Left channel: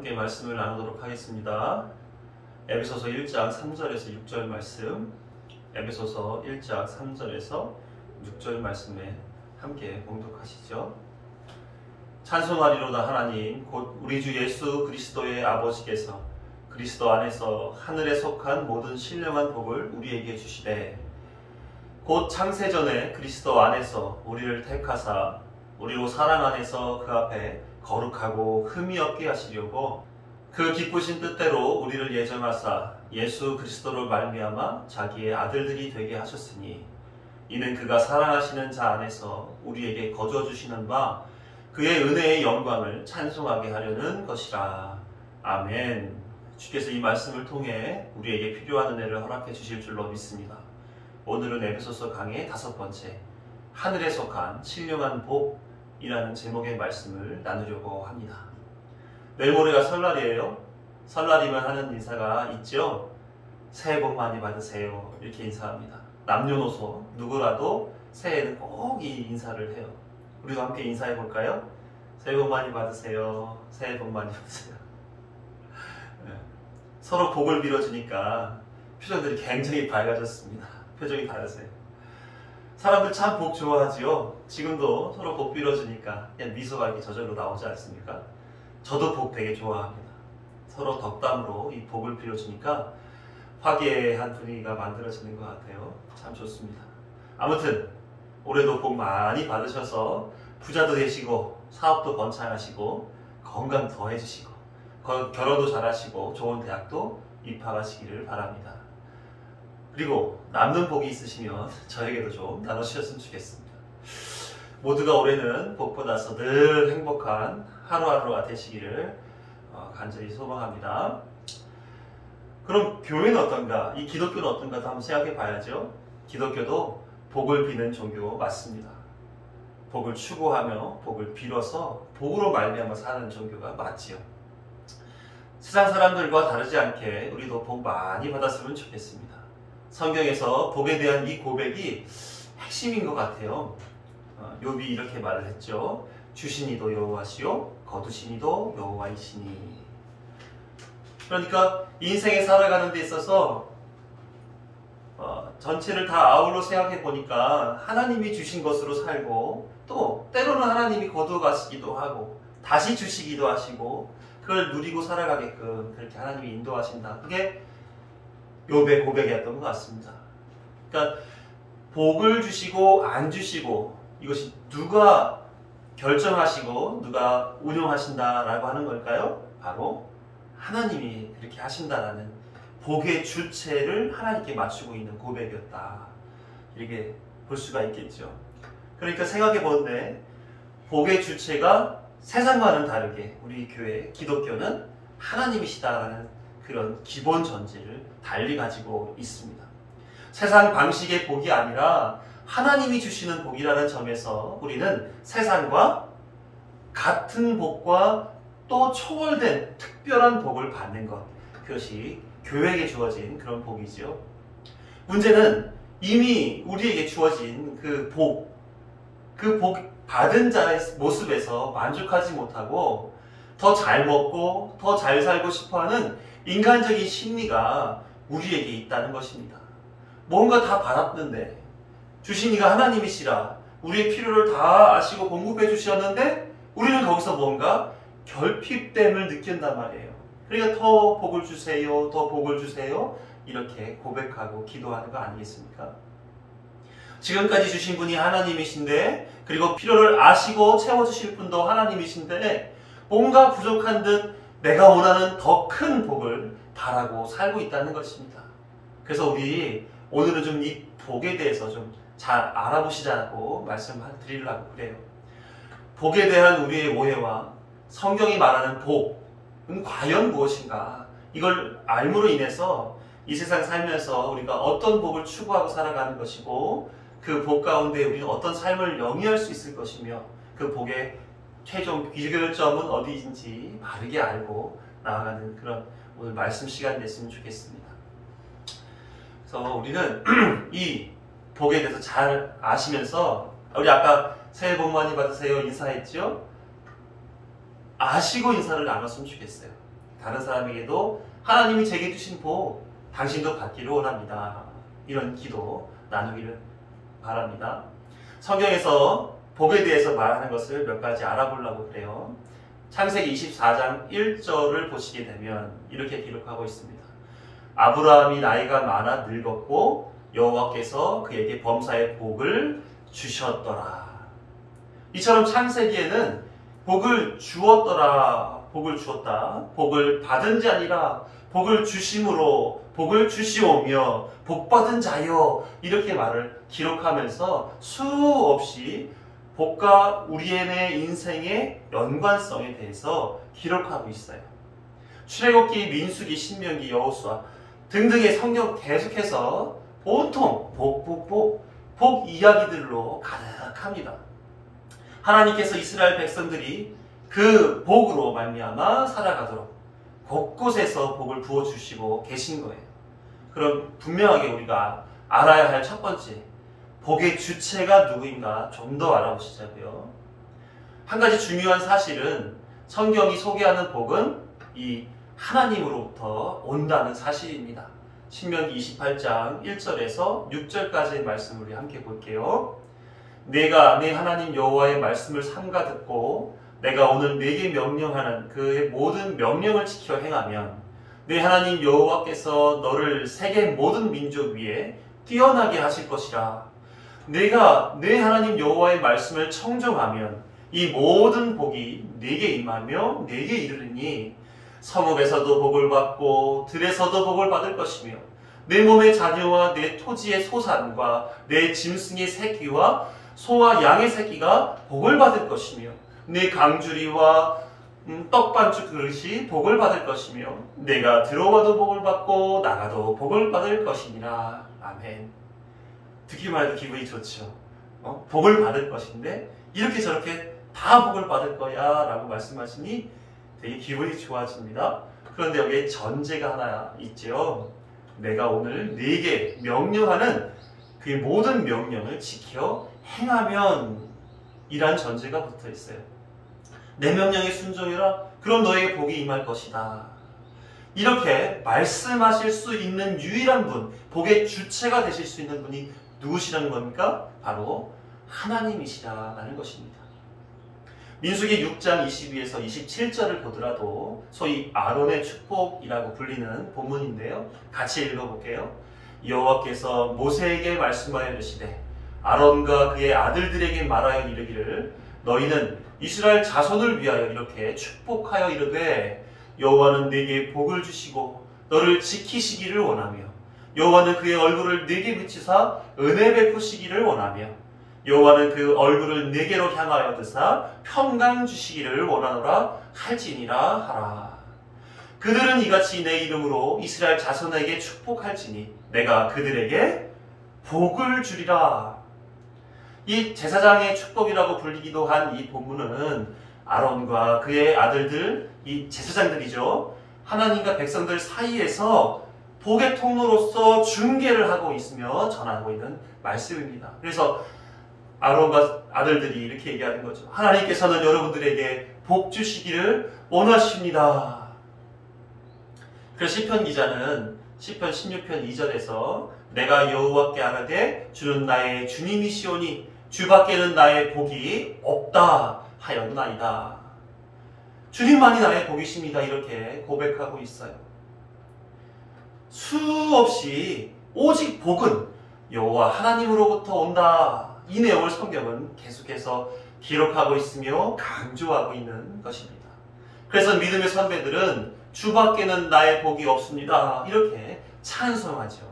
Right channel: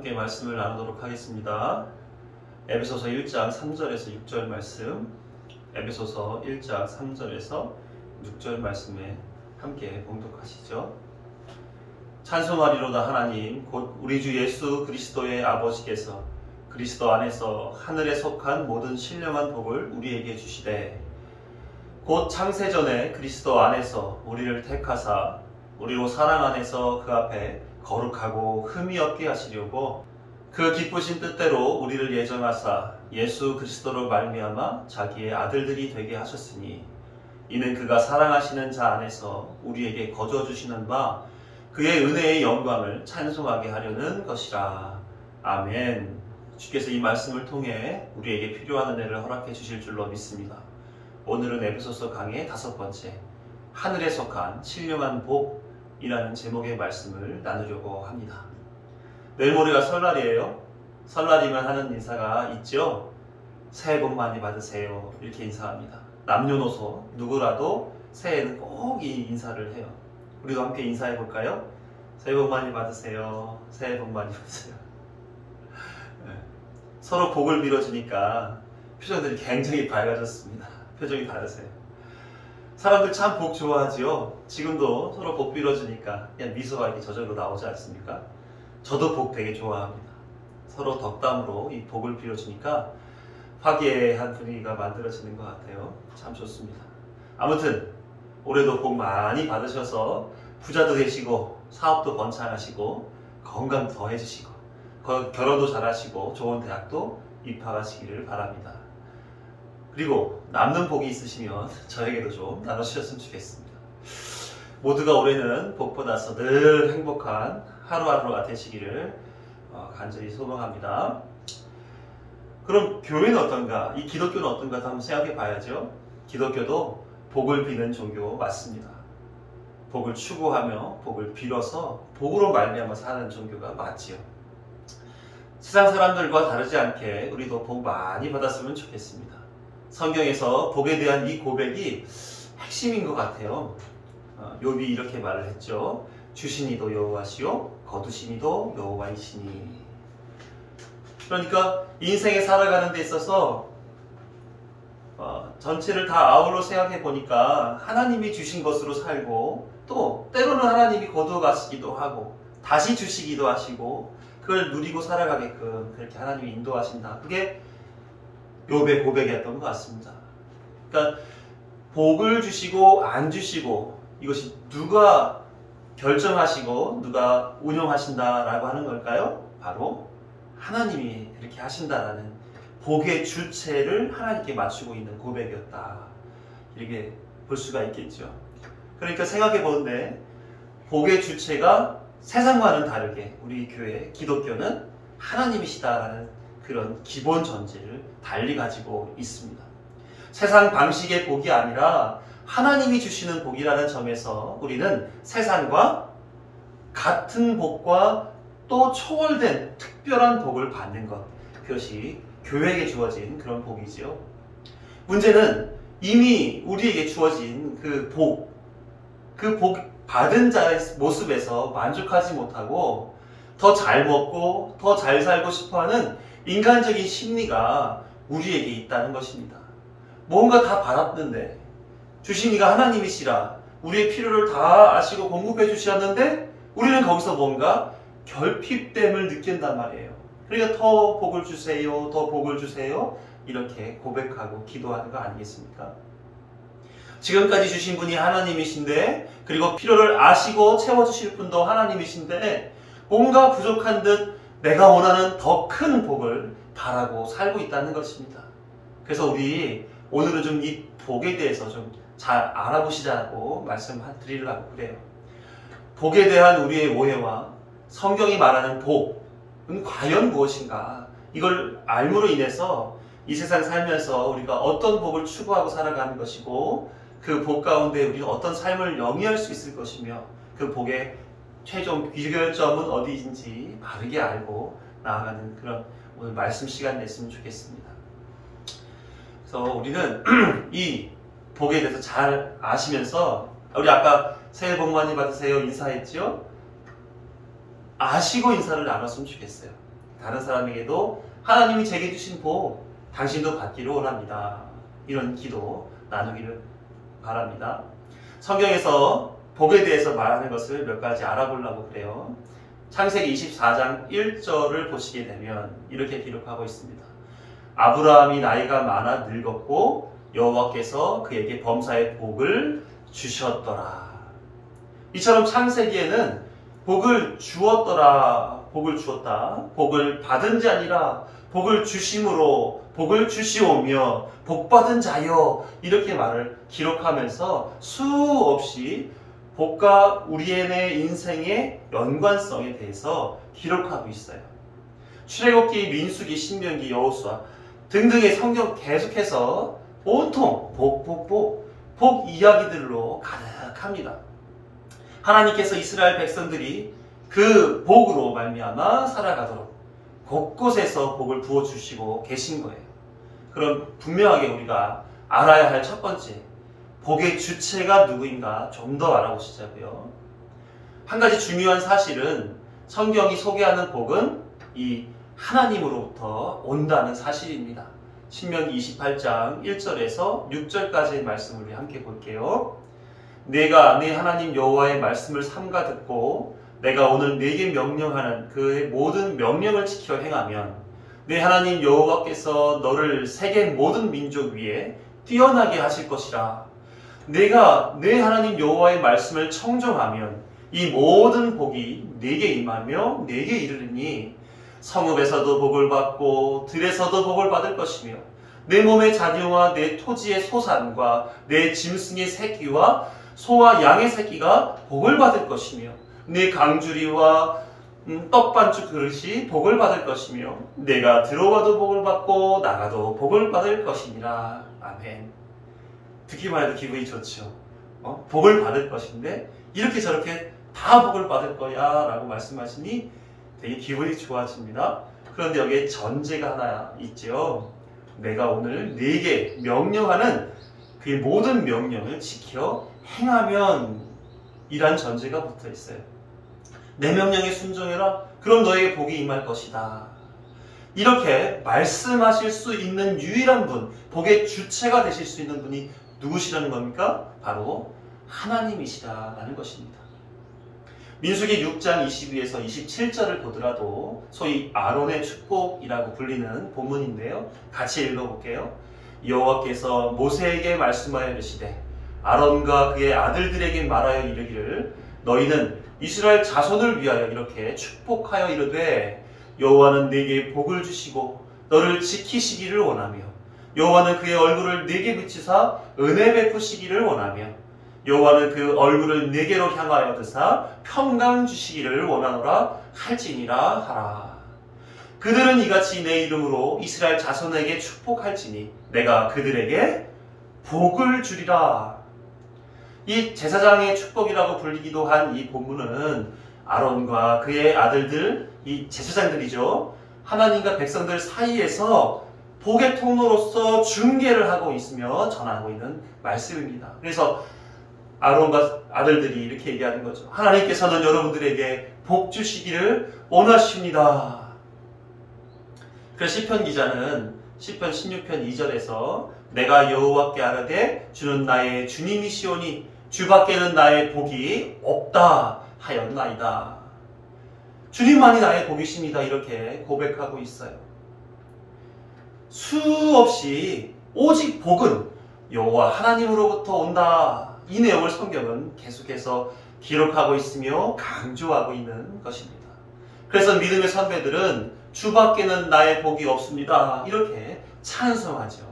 함께 말씀을 나누도록 하겠습니다. 에베소서 1장 3절에서 6절 말씀, 에베소서 1장 3절에서 6절 말씀에 함께 봉독하시죠. 찬송하리로다 하나님 곧 우리 주 예수 그리스도의 아버지께서 그리스도 안에서 하늘에 속한 모든 신령한 복을 우리에게 주시되 곧 창세전에 그리스도 안에서 우리를 택하사 우리로 사랑 안에서 그 앞에 거룩하고 흠이 없게 하시려고 그 기쁘신 뜻대로 우리를 예정하사 예수 그리스도로 말미암아 자기의 아들들이 되게 하셨으니 이는 그가 사랑하시는 자 안에서 우리에게 거저 주시는 바 그의 은혜의 영광을 찬송하게 하려는 것이라. 아멘. 주께서 이 말씀을 통해 우리에게 필요한 은혜를 허락해 주실 줄로 믿습니다. 오늘은 에베소서 강의 5번째 하늘에 속한 신령한 복이라는 제목의 말씀을 나누려고 합니다. 내일 모레가 설날이에요. 설날이면 하는 인사가 있죠. 새해 복 많이 받으세요. 이렇게 인사합니다. 남녀노소 누구라도 새해에는 꼭 이 인사를 해요. 우리도 함께 인사해 볼까요? 새해 복 많이 받으세요. 새해 복 많이 받으세요. 네. 서로 복을 빌어주니까 표정들이 굉장히 밝아졌습니다. 표정이 다르세요. 사람들 참 복 좋아하지요. 지금도 서로 복 빌어주니까 그냥 미소가 이렇게 저절로 나오지 않습니까? 저도 복 되게 좋아합니다. 서로 덕담으로 이 복을 빌어주니까 화기애애한 분위기가 만들어지는 것 같아요. 참 좋습니다. 아무튼 올해도 복 많이 받으셔서 부자도 되시고 사업도 번창하시고 건강 더해주시고 결혼도 잘하시고 좋은 대학도 입학하시기를 바랍니다. 그리고 남는 복이 있으시면 저에게도 좀 나눠주셨으면 좋겠습니다. 모두가 올해는 복 받아서 늘 행복한 하루하루가 되시기를 간절히 소망합니다. 그럼 교회는 어떤가? 이 기독교는 어떤가? 한번 생각해 봐야죠. 기독교도 복을 비는 종교 맞습니다. 복을 추구하며 복을 빌어서 복으로 말미암아 사는 종교가 맞지요. 세상 사람들과 다르지 않게 우리도 복 많이 받았으면 좋겠습니다. 성경에서 복에 대한 이 고백이 핵심인 것 같아요. 욥이 이렇게 말을 했죠. 주신 이도 여호와시요 거두신 이도 여호와이시니. 그러니까 인생에 살아가는 데 있어서 전체를 다 아울러 생각해 보니까 하나님이 주신 것으로 살고 또 때로는 하나님이 거두어 가시기도 하고 다시 주시기도 하시고 그걸 누리고 살아가게끔 그렇게 하나님이 인도하신다. 그게 욥의 고백이었던 것 같습니다. 그러니까 복을 주시고 안 주시고 이것이 누가 결정하시고 누가 운영하신다라고 하는 걸까요? 바로 하나님이 그렇게 하신다라는 복의 주체를 하나님께 맞추고 있는 고백이었다. 이렇게 볼 수가 있겠죠. 그러니까 생각해 보는데 복의 주체가 세상과는 다르게 우리 교회 기독교는 하나님이시다라는 그런 기본 전제를 달리 가지고 있습니다. 세상 방식의 복이 아니라 하나님이 주시는 복이라는 점에서 우리는 세상과 같은 복과 또 초월된 특별한 복을 받는 것, 그것이 교회에게 주어진 그런 복이지요. 문제는 이미 우리에게 주어진 그 복 받은 자의 모습에서 만족하지 못하고 더 잘 먹고 더 잘 살고 싶어하는 인간적인 심리가 우리에게 있다는 것입니다. 뭔가 다 받았는데 주신 이가 하나님이시라 우리의 필요를 다 아시고 공급해 주셨는데 우리는 거기서 뭔가 결핍됨을 느낀단 말이에요. 그러니까 더 복을 주세요, 더 복을 주세요 이렇게 고백하고 기도하는 거 아니겠습니까? 지금까지 주신 분이 하나님이신데 그리고 필요를 아시고 채워주실 분도 하나님이신데 뭔가 부족한 듯 내가 원하는 더 큰 복을 바라고 살고 있다는 것입니다. 그래서 우리 오늘은 좀 이 복에 대해서 좀 잘 알아보시자고 말씀드리려고 그래요. 복에 대한 우리의 오해와 성경이 말하는 복은 과연 무엇인가? 이걸 알므로 인해서 이 세상 살면서 우리가 어떤 복을 추구하고 살아가는 것이고 그 복 가운데 우리가 어떤 삶을 영위할 수 있을 것이며 그 복의 최종 귀결점은 어디인지 바르게 알고 나아가는 그런 오늘 말씀 시간 냈으면 좋겠습니다. 그래서 우리는 이 복에 대해서 잘 아시면서 우리 아까 새해 복 많이 받으세요 인사했죠? 아시고 인사를 나눴으면 좋겠어요. 다른 사람에게도 하나님이 제게 주신 복 당신도 받기를 원합니다. 이런 기도 나누기를 바랍니다. 성경에서 복에 대해서 말하는 것을 몇 가지 알아보려고 그래요. 창세기 24장 1절을 보시게 되면 이렇게 기록하고 있습니다. 아브라함이 나이가 많아 늙었고 여호와께서 그에게 범사의 복을 주셨더라. 이처럼 창세기에는 복을 주었더라, 복을 주었다, 복을 받은 자 아니라 복을 주심으로 복을 주시오며 복받은 자여, 이렇게 말을 기록하면서 수없이 복과 우리의 인생의 연관성에 대해서 기록하고 있어요. 출애굽기, 민수기, 신명기, 여호수아 등등의 성경 계속해서 온통 복 이야기들로 가득합니다. 하나님께서 이스라엘 백성들이 그 복으로 말미암아 살아가도록 곳곳에서 복을 부어주시고 계신 거예요. 그럼 분명하게 우리가 알아야 할 첫 번째, 복의 주체가 누구인가 좀 더 알아보시자고요. 한 가지 중요한 사실은 성경이 소개하는 복은 이 하나님으로부터 온다는 사실입니다. 신명기 28장 1절에서 6절까지의 말씀을 우리 함께 볼게요. 내가 내 하나님 여호와의 말씀을 삼가 듣고 내가 오늘 네게 명령하는 그의 모든 명령을 지켜 행하면 내 하나님 여호와께서 너를 세계 모든 민족 위에 뛰어나게 하실 것이라. 내가 내 하나님 여호와의 말씀을 청종하면 이 모든 복이 네게 임하며 네게 이르리니 성읍에서도 복을 받고 들에서도 복을 받을 것이며 내 몸의 자녀와 내 토지의 소산과 내 짐승의 새끼와 소와 양의 새끼가 복을 받을 것이며 내 강주리와 떡반죽 그릇이 복을 받을 것이며 내가 들어와도 복을 받고 나가도 복을 받을 것이니라. 아멘. 듣기만 해도 기분이 좋죠. 복을 받을 것인데 이렇게 저렇게 다 복을 받을 거야 라고 말씀하시니 되게 기분이 좋아집니다. 그런데 여기에 전제가 하나 있죠. 내가 오늘 네게 명령하는 그 모든 명령을 지켜 행하면 이란 전제가 붙어 있어요. 내 명령에 순종해라. 그럼 너에게 복이 임할 것이다. 이렇게 말씀하실 수 있는 유일한 분, 복의 주체가 되실 수 있는 분이 누구시라는 겁니까? 바로 하나님이시라는 것입니다. 민수기 6장 22에서 27절을 보더라도 소위 아론의 축복이라고 불리는 본문인데요. 같이 읽어볼게요. 여호와께서 모세에게 말씀하여 이르시되 아론과 그의 아들들에게 말하여 이르기를 너희는 이스라엘 자손을 위하여 이렇게 축복하여 이르되 여호와는 네게 복을 주시고 너를 지키시기를 원하며 여호와는 그의 얼굴을 네게 비추사 은혜 베푸시기를 원하며 여호와는 그 얼굴을 네게로 향하여 드사 평강 주시기를 원하노라 할지니라 하라. 그들은 이같이 내 이름으로 이스라엘 자손에게 축복할지니 내가 그들에게 복을 주리라. 이 제사장의 축복이라고 불리기도 한 이 본문은 아론과 그의 아들들, 이 제사장들이죠. 하나님과 백성들 사이에서 복의 통로로서 중개를 하고 있으며 전하고 있는 말씀입니다. 그래서 아론과 아들들이 이렇게 얘기하는 거죠. 하나님께서는 여러분들에게 복 주시기를 원하십니다. 그래서 시편 기자는 시편 16편 2절에서 내가 여호와께 아뢰되 주는 나의 주님이시오니 주밖에는 나의 복이 없다 하였나이다. 주님만이 나의 복이십니다. 이렇게 고백하고 있어요. 수없이 오직 복은 여호와 하나님으로부터 온다. 이 내용을 성경은 계속해서 기록하고 있으며 강조하고 있는 것입니다. 그래서 믿음의 선배들은 주밖에는 나의 복이 없습니다. 이렇게 찬송하죠.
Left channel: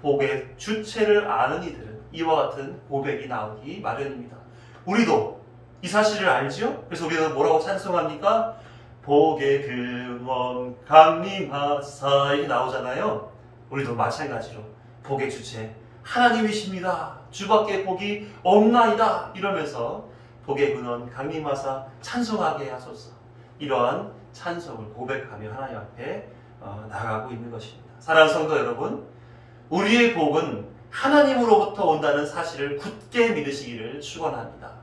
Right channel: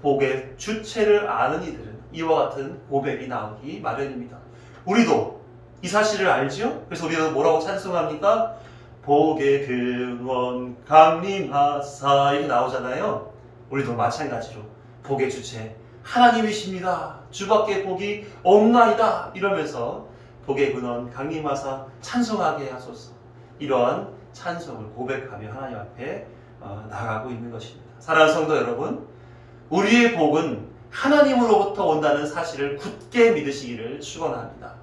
복의 주체를 아는 이들은 이와 같은 고백이 나오기 마련입니다. 우리도 이 사실을 알죠? 그래서 우리도 뭐라고 찬송합니까? 복의 근원 강림하사 이렇게 나오잖아요. 우리도 마찬가지로 복의 주체 하나님이십니다. 주밖에 복이 없나이다. 이러면서 복의 근원 강림하사 찬송하게 하소서. 이러한 찬송을 고백하며 하나님 앞에 나아가고 있는 것입니다. 사랑하는 성도 여러분, 우리의 복은 하나님으로부터 온다는 사실을 굳게 믿으시기를 축원합니다.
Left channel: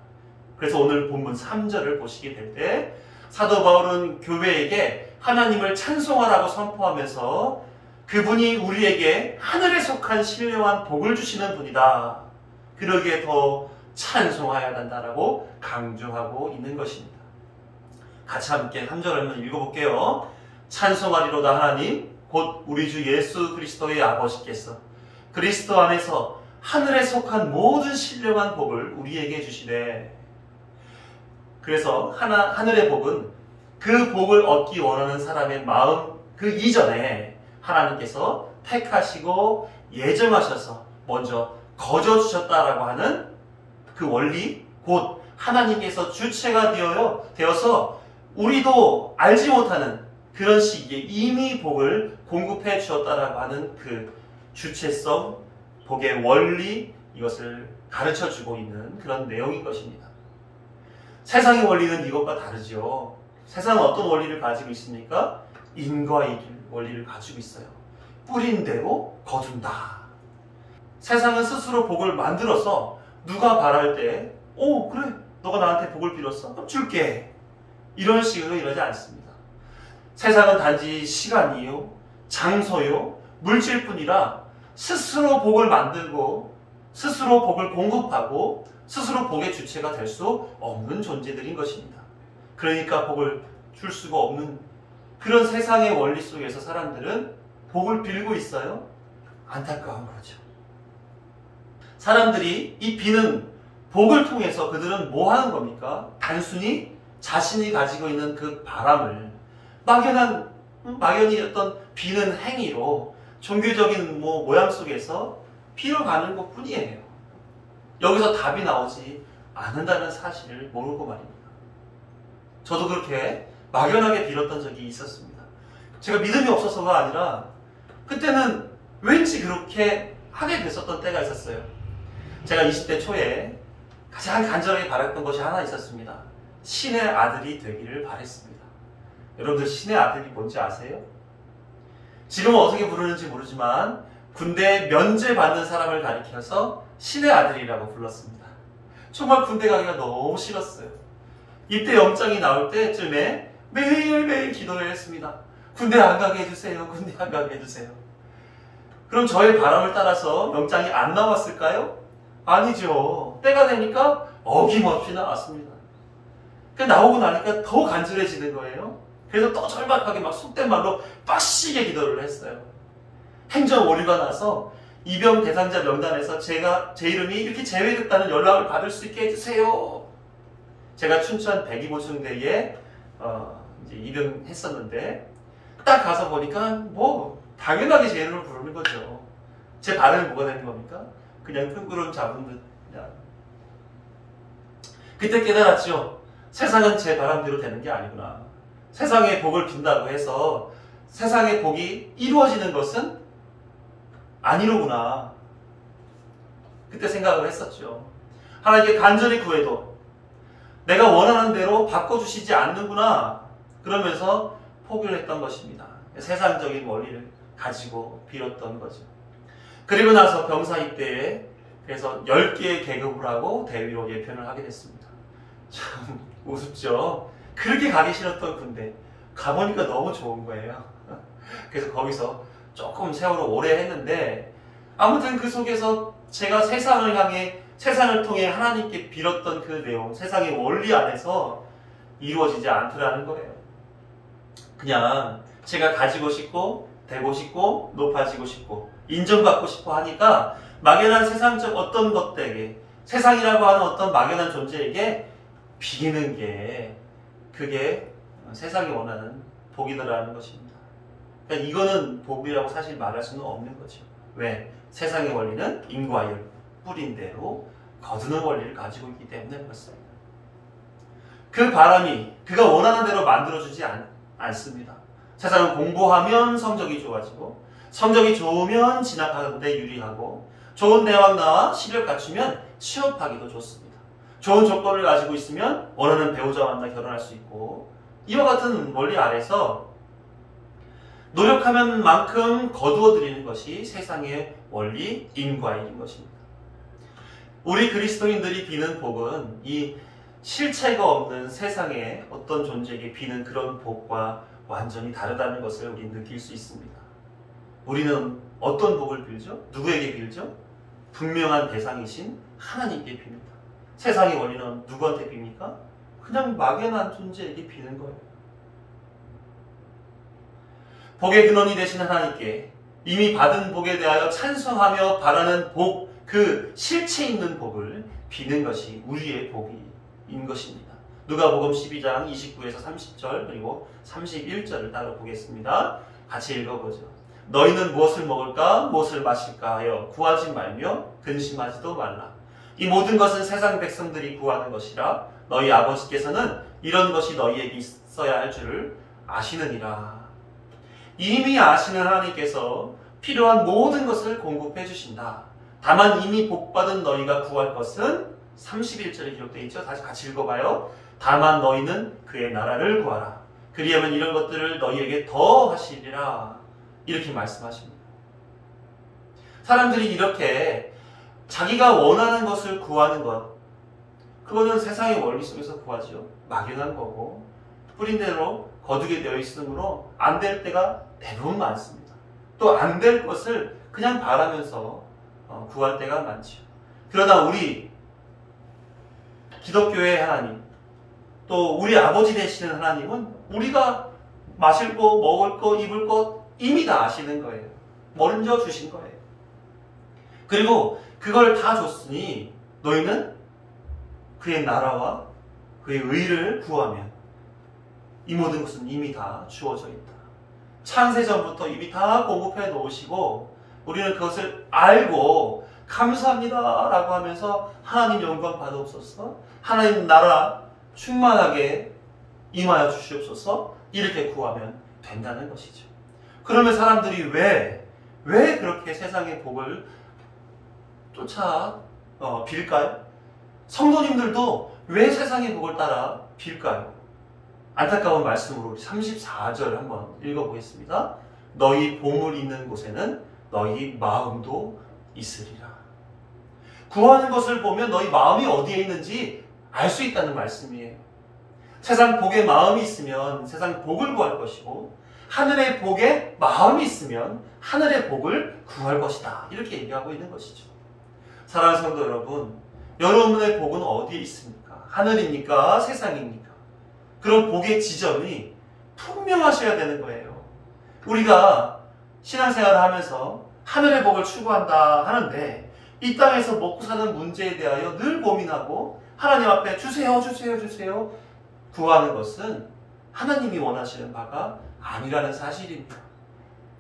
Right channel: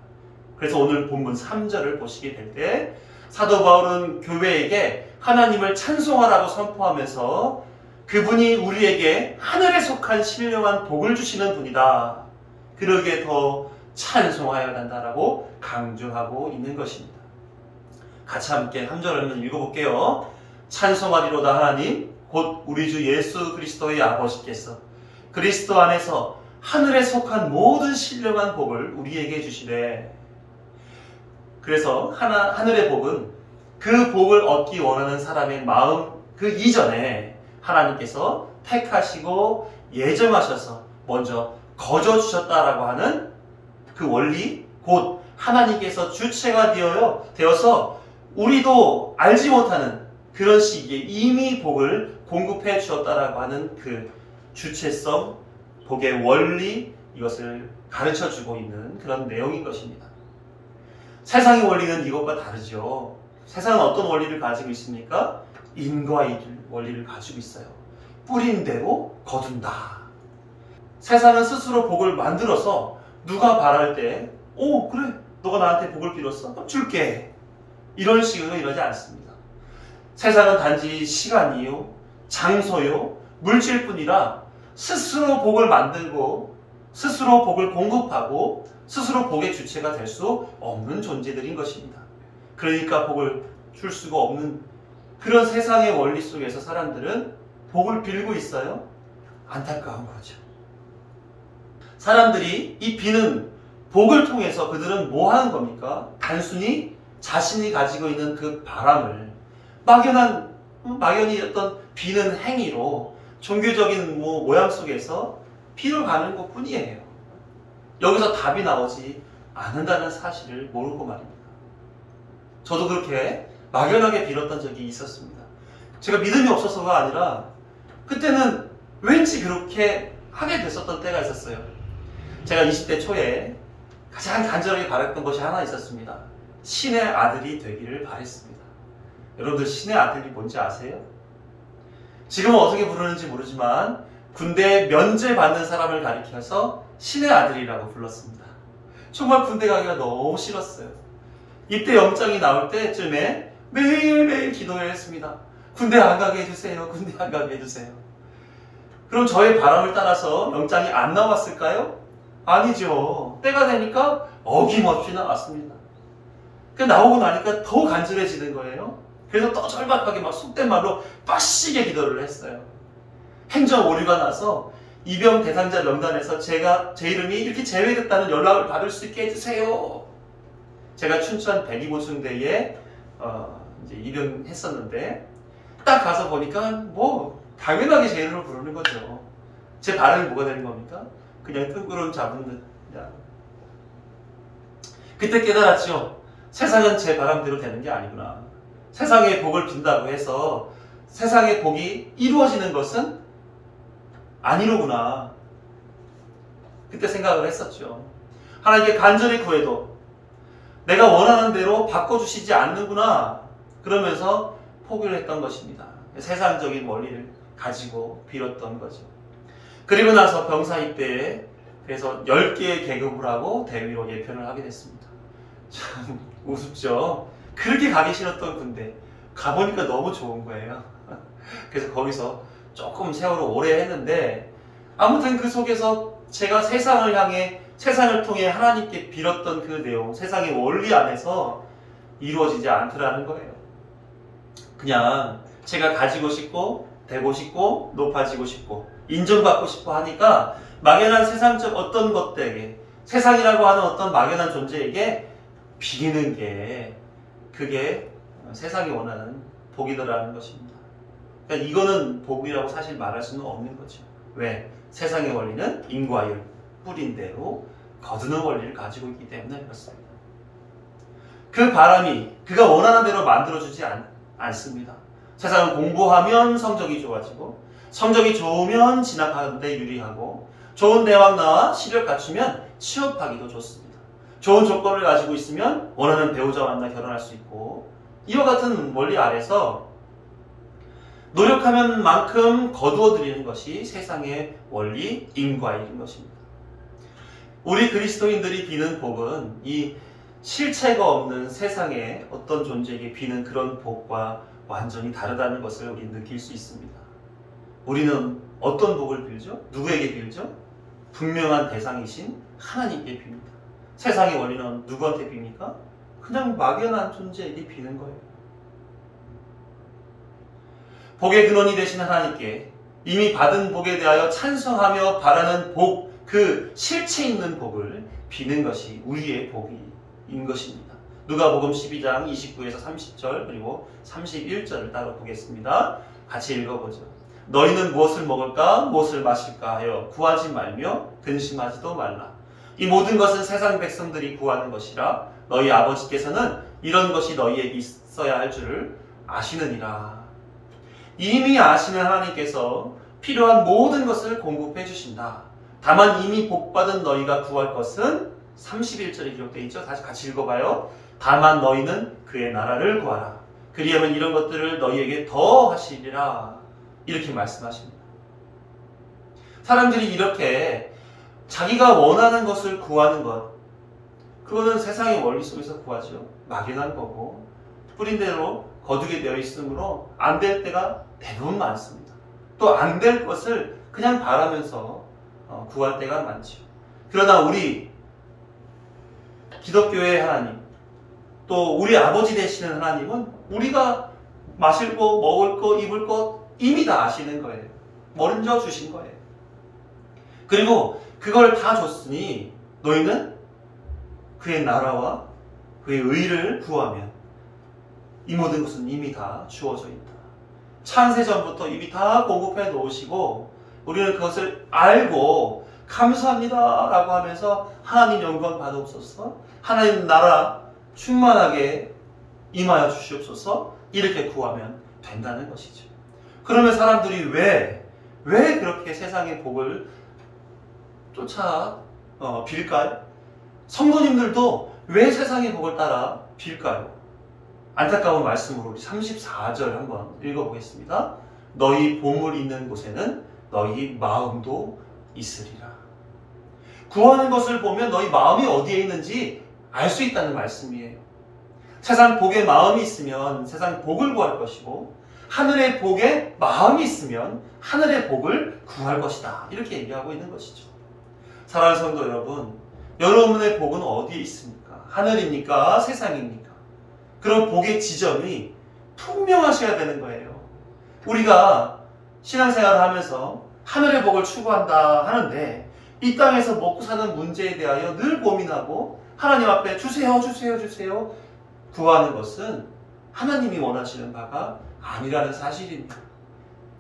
그래서 오늘 본문 3절을 보시게 될 때 사도 바울은 교회에게 하나님을 찬송하라고 선포하면서 그분이 우리에게 하늘에 속한 신령한 복을 주시는 분이다. 그러기에 더 찬송하여야 한다라고 강조하고 있는 것입니다. 같이 함께 한 절 한번 읽어볼게요. 찬송하리로다 하나님 곧 우리 주 예수 그리스도의 아버지께서 그리스도 안에서 하늘에 속한 모든 신령한 복을 우리에게 주시되, 그래서 하늘의 복은 그 복을 얻기 원하는 사람의 마음 그 이전에 하나님께서 택하시고 예정하셔서 먼저 거저 주셨다라고 하는 그 원리, 곧 하나님께서 주체가 되어서 우리도 알지 못하는 그런 시기에 이미 복을 공급해 주셨다라고 하는 그 주체성, 복의 원리, 이것을 가르쳐 주고 있는 그런 내용인 것입니다. 세상의 원리는 이것과 다르죠. 세상은 어떤 원리를 가지고 있습니까? 인과 일 원리를 가지고 있어요. 뿌린 대로 거둔다. 세상은 스스로 복을 만들어서 누가 바랄 때 그래 너가 나한테 복을 빌었어? 그럼 줄게. 이런 식으로 이러지 않습니다. 세상은 단지 시간이요, 장소요, 물질뿐이라 스스로 복을 만들고 스스로 복을 공급하고 스스로 복의 주체가 될 수 없는 존재들인 것입니다. 그러니까 복을 줄 수가 없는 그런 세상의 원리 속에서 사람들은 복을 빌고 있어요. 안타까운 거죠. 사람들이 이 비는 복을 통해서 그들은 뭐 하는 겁니까? 단순히 자신이 가지고 있는 그 바람을 막연히 어떤 비는 행위로 종교적인 모양 속에서 빌어가는 것 뿐이에요. 여기서 답이 나오지 않는다는 사실을 모르고 말입니다. 저도 그렇게 막연하게 빌었던 적이 있었습니다. 제가 믿음이 없어서가 아니라 그때는 왠지 그렇게 하게 됐었던 때가 있었어요. 제가 20대 초에 가장 간절하게 바랬던 것이 하나 있었습니다. 신의 아들이 되기를 바랬습니다. 여러분들 신의 아들이 뭔지 아세요? 지금은 어떻게 부르는지 모르지만 군대에 면제받는 사람을 가리켜서 신의 아들이라고 불렀습니다. 정말 군대 가기가 너무 싫었어요. 입대 영장이 나올 때쯤에 매일매일 기도를 했습니다. 군대 안 가게 해주세요. 군대 안 가게 해주세요. 그럼 저의 바람을 따라서 영장이 안 나왔을까요? 아니죠. 때가 되니까 어김없이 나왔습니다. 나오고 나니까 더 간절해지는 거예요. 그래서 또 절박하게 막 속된 말로 빡시게 기도를 했어요. 행정 오류가 나서 입영 대상자 명단에서 제 이름이 이렇게 제외됐다는 연락을 받을 수 있게 해주세요. 제가 춘천 102보충대에 이제 입영했었는데 딱 가서 보니까 당연하게 제 이름을 부르는 거죠. 제 발음이 뭐가 되는 겁니까? 그냥 뜬구름 잡은 듯. 그냥. 그때 깨달았죠. 세상은 제 바람대로 되는 게 아니구나. 세상의 복을 빈다고 해서 세상의 복이 이루어지는 것은 아니로구나. 그때 생각을 했었죠. 하나님께 간절히 구해도 내가 원하는 대로 바꿔주시지 않는구나. 그러면서 포기를 했던 것입니다. 세상적인 원리를 가지고 빌었던 거죠. 그리고 나서 병사 입대에 그래서 10개의 계급을 하고 대위로 예편을 하게 됐습니다. 참 우습죠. 그렇게 가기 싫었던 군대 가보니까 너무 좋은 거예요. 그래서 거기서 조금 세월을 오래 했는데 아무튼 그 속에서 제가 세상을 향해 세상을 통해 하나님께 빌었던 그 내용, 세상의 원리 안에서 이루어지지 않더라는 거예요. 그냥 제가 가지고 싶고 되고 싶고 높아지고 싶고 인정받고 싶어 하니까 막연한 세상적 어떤 것들에게 세상이라고 하는 어떤 막연한 존재에게 비기는 게 그게 세상이 원하는 복이더라는 것입니다. 그러니까 이거는 복이라고 사실 말할 수는 없는 거죠. 왜? 세상의 원리는 인과율, 뿌린 대로 거두는 원리를 가지고 있기 때문에 그렇습니다. 그 바람이 그가 원하는 대로 만들어주지 않습니다. 세상은 공부하면 성적이 좋아지고 성적이 좋으면 진학하는 데 유리하고 좋은 대학 나와 실력 갖추면 취업하기도 좋습니다. 좋은 조건을 가지고 있으면 원하는 배우자 만나 결혼할 수 있고 이와 같은 원리 아래서 노력하면 만큼 거두어 드리는 것이 세상의 원리 인과일인 것입니다. 우리 그리스도인들이 비는 복은 이 실체가 없는 세상에 어떤 존재에게 비는 그런 복과 완전히 다르다는 것을 우리는 느낄 수 있습니다. 우리는 어떤 복을 빌죠? 누구에게 빌죠? 분명한 대상이신 하나님께 빕니다. 세상의 원리는 누구한테 빕니까? 그냥 막연한 존재에게 비는 거예요. 복의 근원이 되신 하나님께 이미 받은 복에 대하여 찬송하며 바라는 복, 그 실체 있는 복을 비는 것이 우리의 복인 것입니다. 누가복음 12장 29에서 30절 그리고 31절을 따로 보겠습니다. 같이 읽어보죠. 너희는 무엇을 먹을까 무엇을 마실까 하여 구하지 말며 근심하지도 말라. 이 모든 것은 세상 백성들이 구하는 것이라 너희 아버지께서는 이런 것이 너희에게 있어야 할 줄을 아시느니라. 이미 아시는 하나님께서 필요한 모든 것을 공급해 주신다. 다만 이미 복받은 너희가 구할 것은 31절에 기록되어 있죠. 다시 같이 읽어봐요. 다만 너희는 그의 나라를 구하라. 그리하면 이런 것들을 너희에게 더 하시리라. 이렇게 말씀하십니다. 사람들이 이렇게 자기가 원하는 것을 구하는 것, 그거는 세상의 원리 속에서 구하죠. 막연한 거고 뿌린 대로 거두게 되어 있으므로 안 될 때가 대부분 많습니다. 또 안 될 것을 그냥 바라면서 구할 때가 많죠. 그러나 우리 기독교의 하나님, 또 우리 아버지 되시는 하나님은 우리가 마실 거, 먹을 거, 입을 거 이미 다 아시는 거예요. 먼저 주신 거예요. 그리고 그걸 다 줬으니 너희는 그의 나라와 그의 의를 구하면 이 모든 것은 이미 다 주어져 있다. 창세전부터 이미 다 공급해 놓으시고 우리는 그것을 알고 감사합니다 라고 하면서 하나님 영광 받아옵소서, 하나님 나라 충만하게 임하여 주시옵소서 이렇게 구하면 된다는 것이죠. 그러면 사람들이 왜 그렇게 세상의 복을 쫓아 빌까요? 성도님들도 왜 세상의 복을 따라 빌까요? 안타까운 말씀으로 우리 34절 한번 읽어보겠습니다. 너희 보물 있는 곳에는 너희 마음도 있으리라. 구하는 것을 보면 너희 마음이 어디에 있는지 알 수 있다는 말씀이에요. 세상 복에 마음이 있으면 세상 복을 구할 것이고 하늘의 복에 마음이 있으면 하늘의 복을 구할 것이다. 이렇게 얘기하고 있는 것이죠. 사랑하는 성도 여러분, 여러분의 복은 어디에 있습니까? 하늘입니까? 세상입니까? 그런 복의 지점이 분명하셔야 되는 거예요. 우리가 신앙생활을 하면서 하늘의 복을 추구한다 하는데 이 땅에서 먹고 사는 문제에 대하여 늘 고민하고 하나님 앞에 주세요 구하는 것은 하나님이 원하시는 바가 아니라는 사실입니다.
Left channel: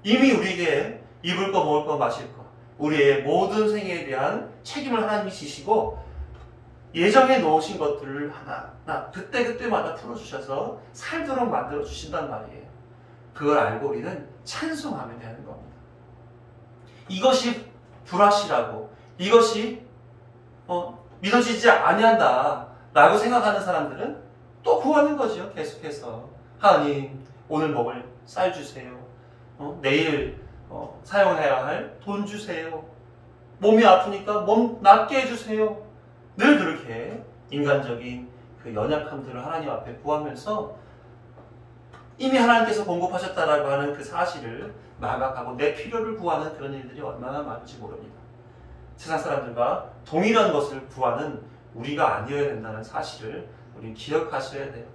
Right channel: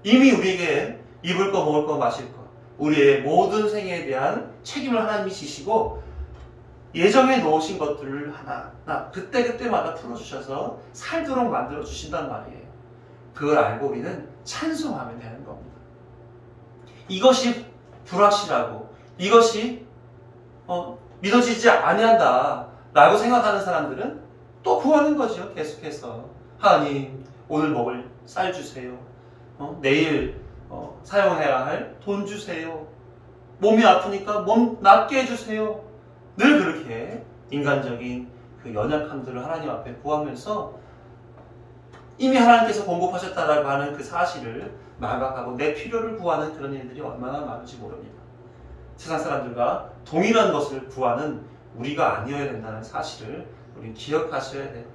이미 우리에게 입을 거, 먹을 거, 마실 거, 우리의 모든 생애에 대한 책임을 하나님이 지시고 예정해 놓으신 것들을 하나하나 그때그때마다 풀어주셔서 살도록 만들어 주신단 말이에요. 그걸 알고 우리는 찬송하면 되는 겁니다. 이것이 불확실하고 이것이 믿어지지 아니한다 라고 생각하는 사람들은 또 구하는 거죠. 계속해서 하나님 오늘 먹을 쌀 주세요. 내일 사용해야 할 돈 주세요. 몸이 아프니까 몸 낫게 해주세요. 늘 그렇게 인간적인 그 연약함들을 하나님 앞에 구하면서 이미 하나님께서 공급하셨다라고 하는 그 사실을 망각하고 내 필요를 구하는 그런 일들이 얼마나 많은지 모릅니다. 세상 사람들과 동일한 것을 구하는 우리가 아니어야 된다는 사실을 우리 기억하셔야 돼요.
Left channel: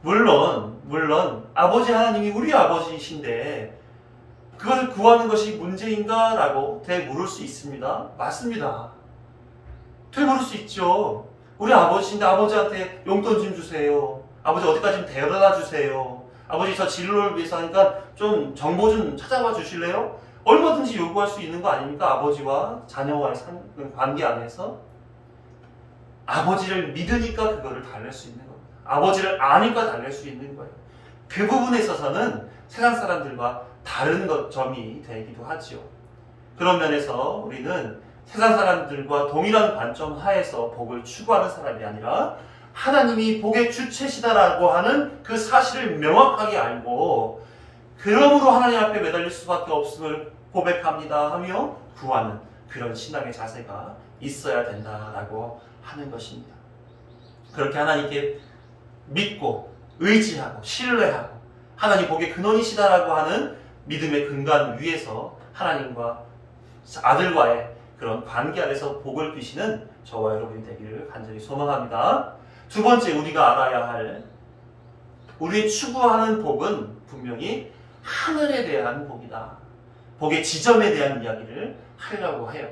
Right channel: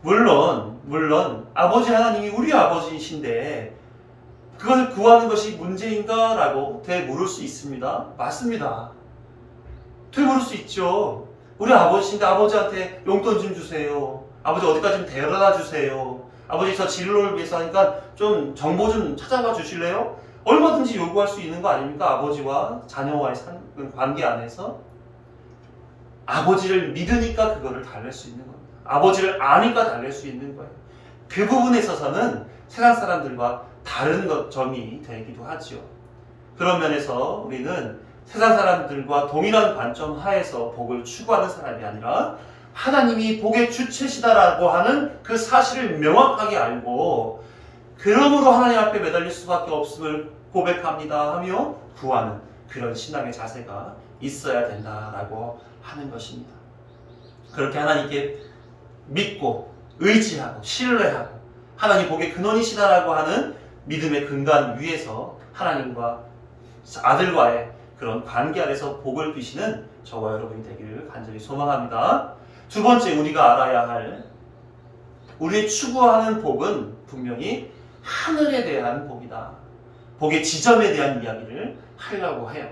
물론 아버지 하나님이 우리 아버지이신데 그것을 구하는 것이 문제인가? 라고 되물을 수 있습니다. 맞습니다. 되물을 수 있죠. 우리 아버지인데 아버지한테 용돈 좀 주세요. 아버지 어디까지 좀 데려다 주세요. 아버지 저 진로를 위해서 하니까 좀 정보 좀 찾아봐 주실래요? 얼마든지 요구할 수 있는 거 아닙니까? 아버지와 자녀와의 관계 안에서 아버지를 믿으니까 그거를 달랠 수 있는 겁니다. 아버지를 아니까 달랠 수 있는 거예요. 그 부분에 있어서는 세상 사람들과 다른 점이 되기도 하죠. 그런 면에서 우리는 세상 사람들과 동일한 관점 하에서 복을 추구하는 사람이 아니라 하나님이 복의 주체시다라고 하는 그 사실을 명확하게 알고 그러므로 하나님 앞에 매달릴 수밖에 없음을 고백합니다 하며 구하는 그런 신앙의 자세가 있어야 된다라고 하는 것입니다. 그렇게 하나님께 믿고 의지하고 신뢰하고 하나님 복의 근원이시다라고 하는 믿음의 근간 위에서 하나님과 아들과의 그런 관계 안에서 복을 비시는 저와 여러분이 되기를 간절히 소망합니다. 두 번째 우리가 알아야 할 우리의 추구하는 복은 분명히 하늘에 대한 복이다. 복의 지점에 대한 이야기를 하려고 해요.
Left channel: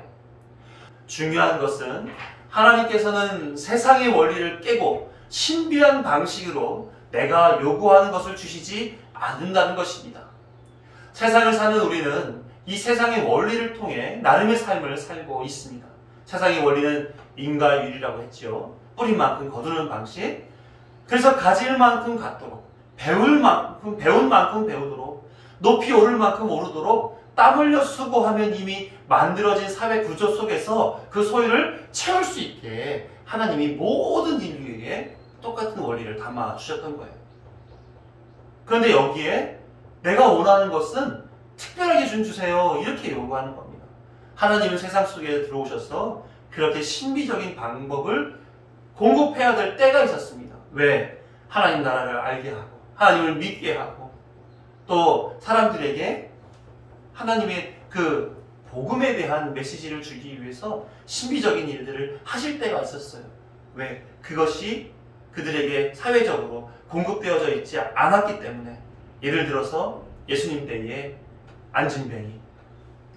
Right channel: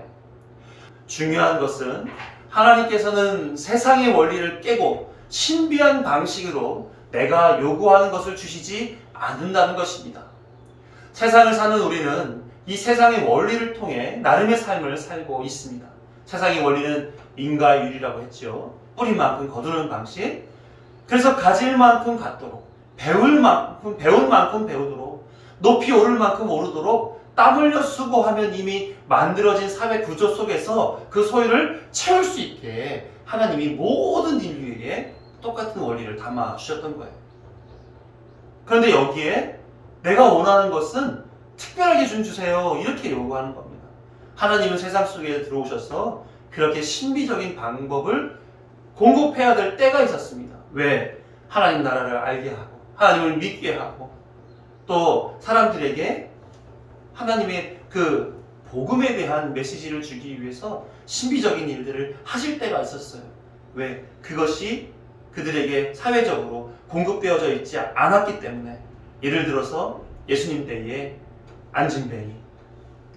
중요한 것은 하나님께서는 세상의 원리를 깨고 신비한 방식으로 내가 요구하는 것을 주시지 않는다는 것입니다. 세상을 사는 우리는 이 세상의 원리를 통해 나름의 삶을 살고 있습니다. 세상의 원리는 인과율이라고 했죠. 뿌린 만큼 거두는 방식. 그래서 가질 만큼 갖도록, 배운 만큼 배우도록, 높이 오를 만큼 오르도록 땀 흘려 수고하면 이미 만들어진 사회 구조 속에서 그 소유를 채울 수 있게 하나님이 모든 인류에게 똑같은 원리를 담아 주셨던 거예요. 그런데 여기에 내가 원하는 것은 특별하게 좀 주세요. 이렇게 요구하는 겁니다. 하나님은 세상 속에 들어오셔서 그렇게 신비적인 방법을 공급해야 될 때가 있었습니다. 왜? 하나님 나라를 알게 하고 하나님을 믿게 하고 또 사람들에게 하나님의 그 복음에 대한 메시지를 주기 위해서 신비적인 일들을 하실 때가 있었어요. 왜? 그것이 그들에게 사회적으로 공급되어져 있지 않았기 때문에. 예를 들어서 예수님 때에 안진뱅이,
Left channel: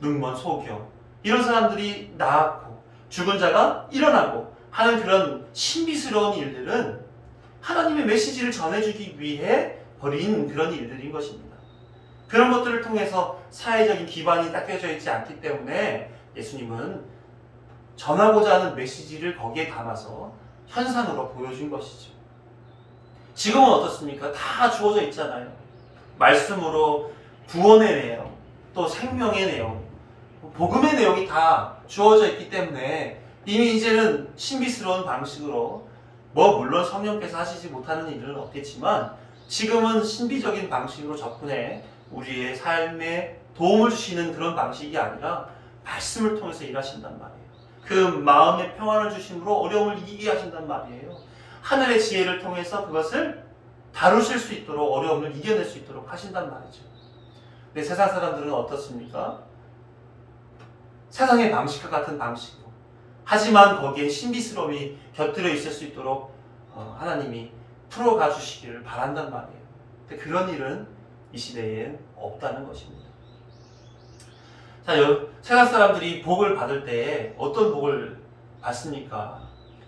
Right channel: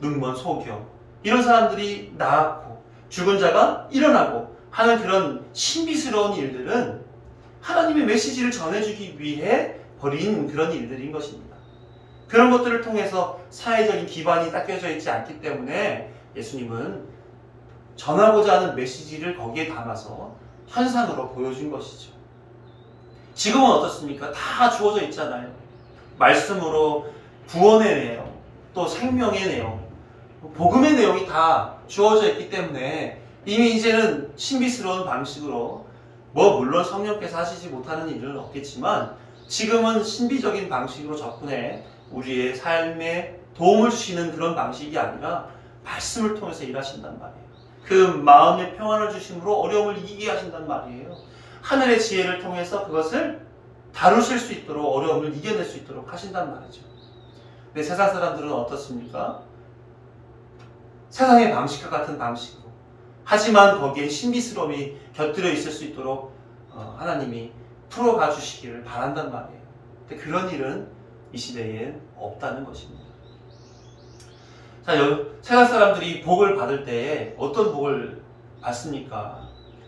눈먼 소경 이런 사람들이 나았고 죽은 자가 일어나고 하는 그런 신비스러운 일들은 하나님의 메시지를 전해주기 위해 벌인 그런 일들인 것입니다. 그런 것들을 통해서 사회적인 기반이 딱 껴져 있지 않기 때문에 예수님은 전하고자 하는 메시지를 거기에 담아서 현상으로 보여준 것이죠. 지금은 어떻습니까? 다 주어져 있잖아요. 말씀으로 구원의 내용, 또 생명의 내용, 복음의 내용이 다 주어져 있기 때문에 이미 이제는 신비스러운 방식으로 물론 성령께서 하시지 못하는 일은 없겠지만 지금은 신비적인 방식으로 접근해 우리의 삶에 도움을 주시는 그런 방식이 아니라 말씀을 통해서 일하신단 말이에요. 그 마음의 평안을 주심으로 어려움을 이기게 하신단 말이에요. 하늘의 지혜를 통해서 그것을 다루실 수 있도록 어려움을 이겨낼 수 있도록 하신단 말이죠. 근데 세상 사람들은 어떻습니까? 세상의 방식과 같은 방식으로 하지만 거기에 신비스러움이 곁들여 있을 수 있도록 하나님이 풀어가 주시기를 바란단 말이에요. 근데 그런 일은 이 시대엔 없다는 것입니다. 자, 세상 사람들이 복을 받을 때에 어떤 복을 받습니까?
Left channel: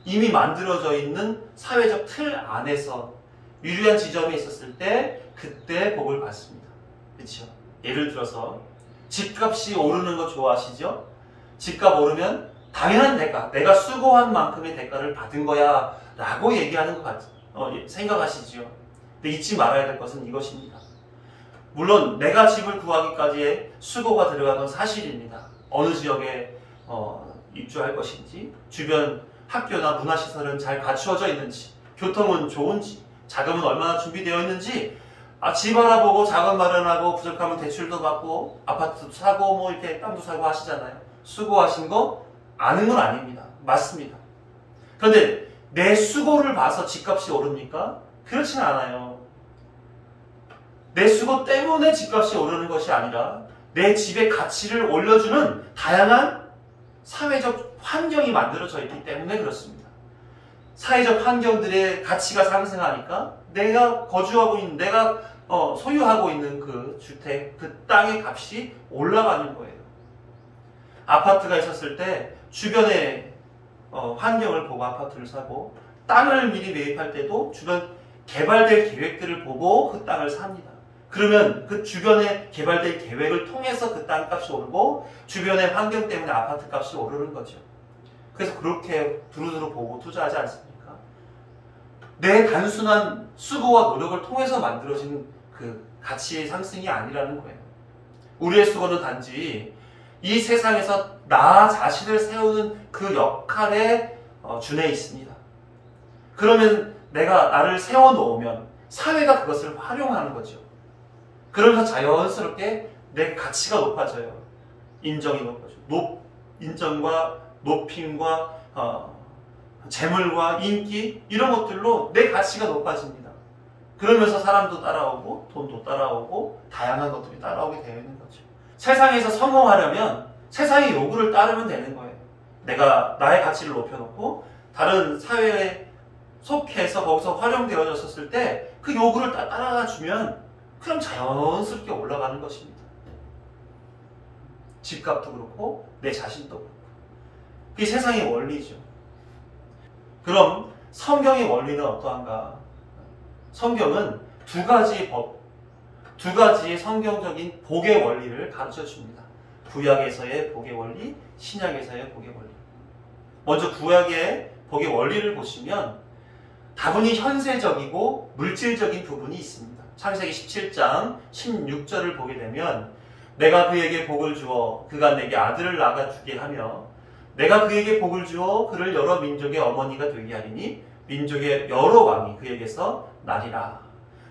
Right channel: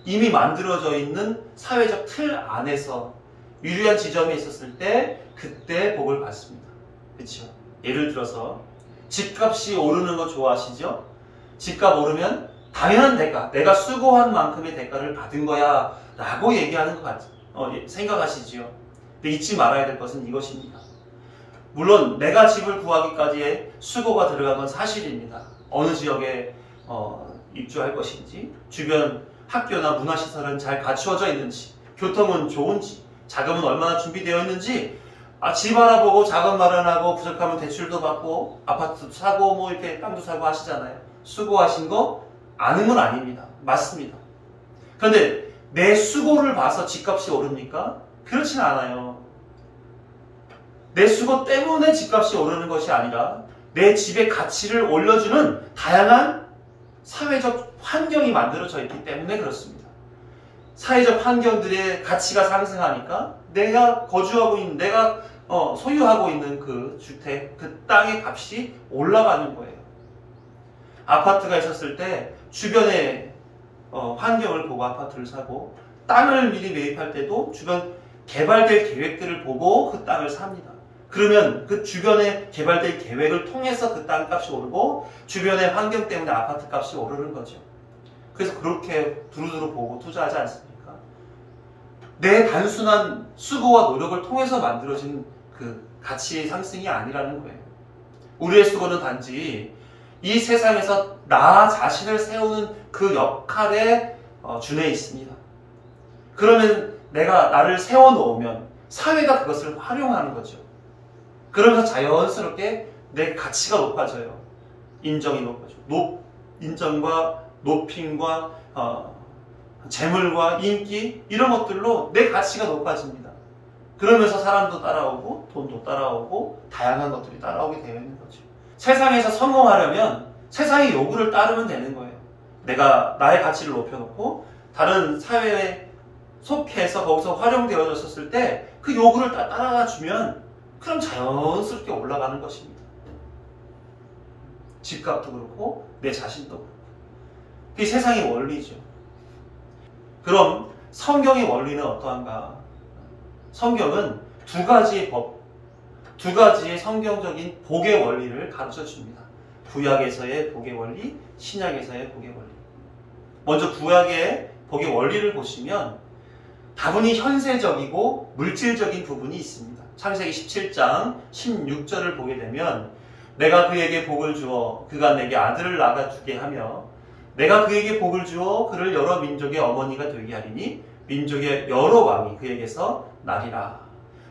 이미 만들어져 있는 사회적 틀 안에서 유리한 지점에 있었을 때 그때 복을 받습니다. 그렇죠? 예를 들어서 집값이 오르는 거 좋아하시죠? 집값 오르면 당연한 대가, 내가 수고한 만큼의 대가를 받은 거야 라고 얘기하는 것 생각하시죠? 근데 잊지 말아야 될 것은 이것입니다. 물론 내가 집을 구하기까지의 수고가 들어간 건 사실입니다. 어느 지역에 입주할 것인지, 주변 학교나 문화시설은 잘 갖추어져 있는지, 교통은 좋은지, 자금은 얼마나 준비되어 있는지, 집 알아보고 자금 마련하고 부족하면 대출도 받고 아파트도 사고 이렇게 땅도 사고 하시잖아요. 수고하신 거 아는 건 아닙니다. 맞습니다. 그런데 내 수고를 봐서 집값이 오릅니까? 그렇진 않아요. 내 수고 때문에 집값이 오르는 것이 아니라 내 집의 가치를 올려주는 다양한 사회적 환경이 만들어져 있기 때문에 그렇습니다. 사회적 환경들의 가치가 상승하니까 내가 거주하고 있는, 내가 소유하고 있는 그 주택, 그 땅의 값이 올라가는 거예요. 아파트가 있었을 때 주변의 환경을 보고 아파트를 사고, 땅을 미리 매입할 때도 주변 개발될 계획들을 보고 그 땅을 삽니다. 그러면 그 주변에 개발될 계획을 통해서 그 땅값이 오르고 주변의 환경 때문에 아파트 값이 오르는 거죠. 그래서 그렇게 두루두루 보고 투자하지 않습니까? 내 단순한 수고와 노력을 통해서 만들어진 그 가치 상승이 아니라는 거예요. 우리의 수고는 단지 이 세상에서 나 자신을 세우는 그 역할에 준해 있습니다. 그러면 내가 나를 세워놓으면 사회가 그것을 활용하는 거죠. 그러면서 자연스럽게 내 가치가 높아져요. 인정이 높아져요. 인정과 높임과 재물과 인기 이런 것들로 내 가치가 높아집니다. 그러면서 사람도 따라오고 돈도 따라오고 다양한 것들이 따라오게 되어 있는 거죠. 세상에서 성공하려면 세상의 요구를 따르면 되는 거예요. 내가 나의 가치를 높여놓고 다른 사회에 속해서 거기서 활용되어졌을 때 그 요구를 따라주면 그럼 자연스럽게 올라가는 것입니다. 집값도 그렇고 내 자신도 그렇고. 그게 세상의 원리죠. 그럼 성경의 원리는 어떠한가? 성경은 두 가지의 법, 두 가지의 성경적인 복의 원리를 가르쳐 줍니다. 구약에서의 복의 원리, 신약에서의 복의 원리. 먼저 구약의 복의 원리를 보시면 다분히 현세적이고 물질적인 부분이 있습니다. 창세기 17장 16절을 보게 되면 내가 그에게 복을 주어 그가 내게 아들을 낳아주게 하며 내가 그에게 복을 주어 그를 여러 민족의 어머니가 되게 하리니 민족의 여러 왕이 그에게서 나리라.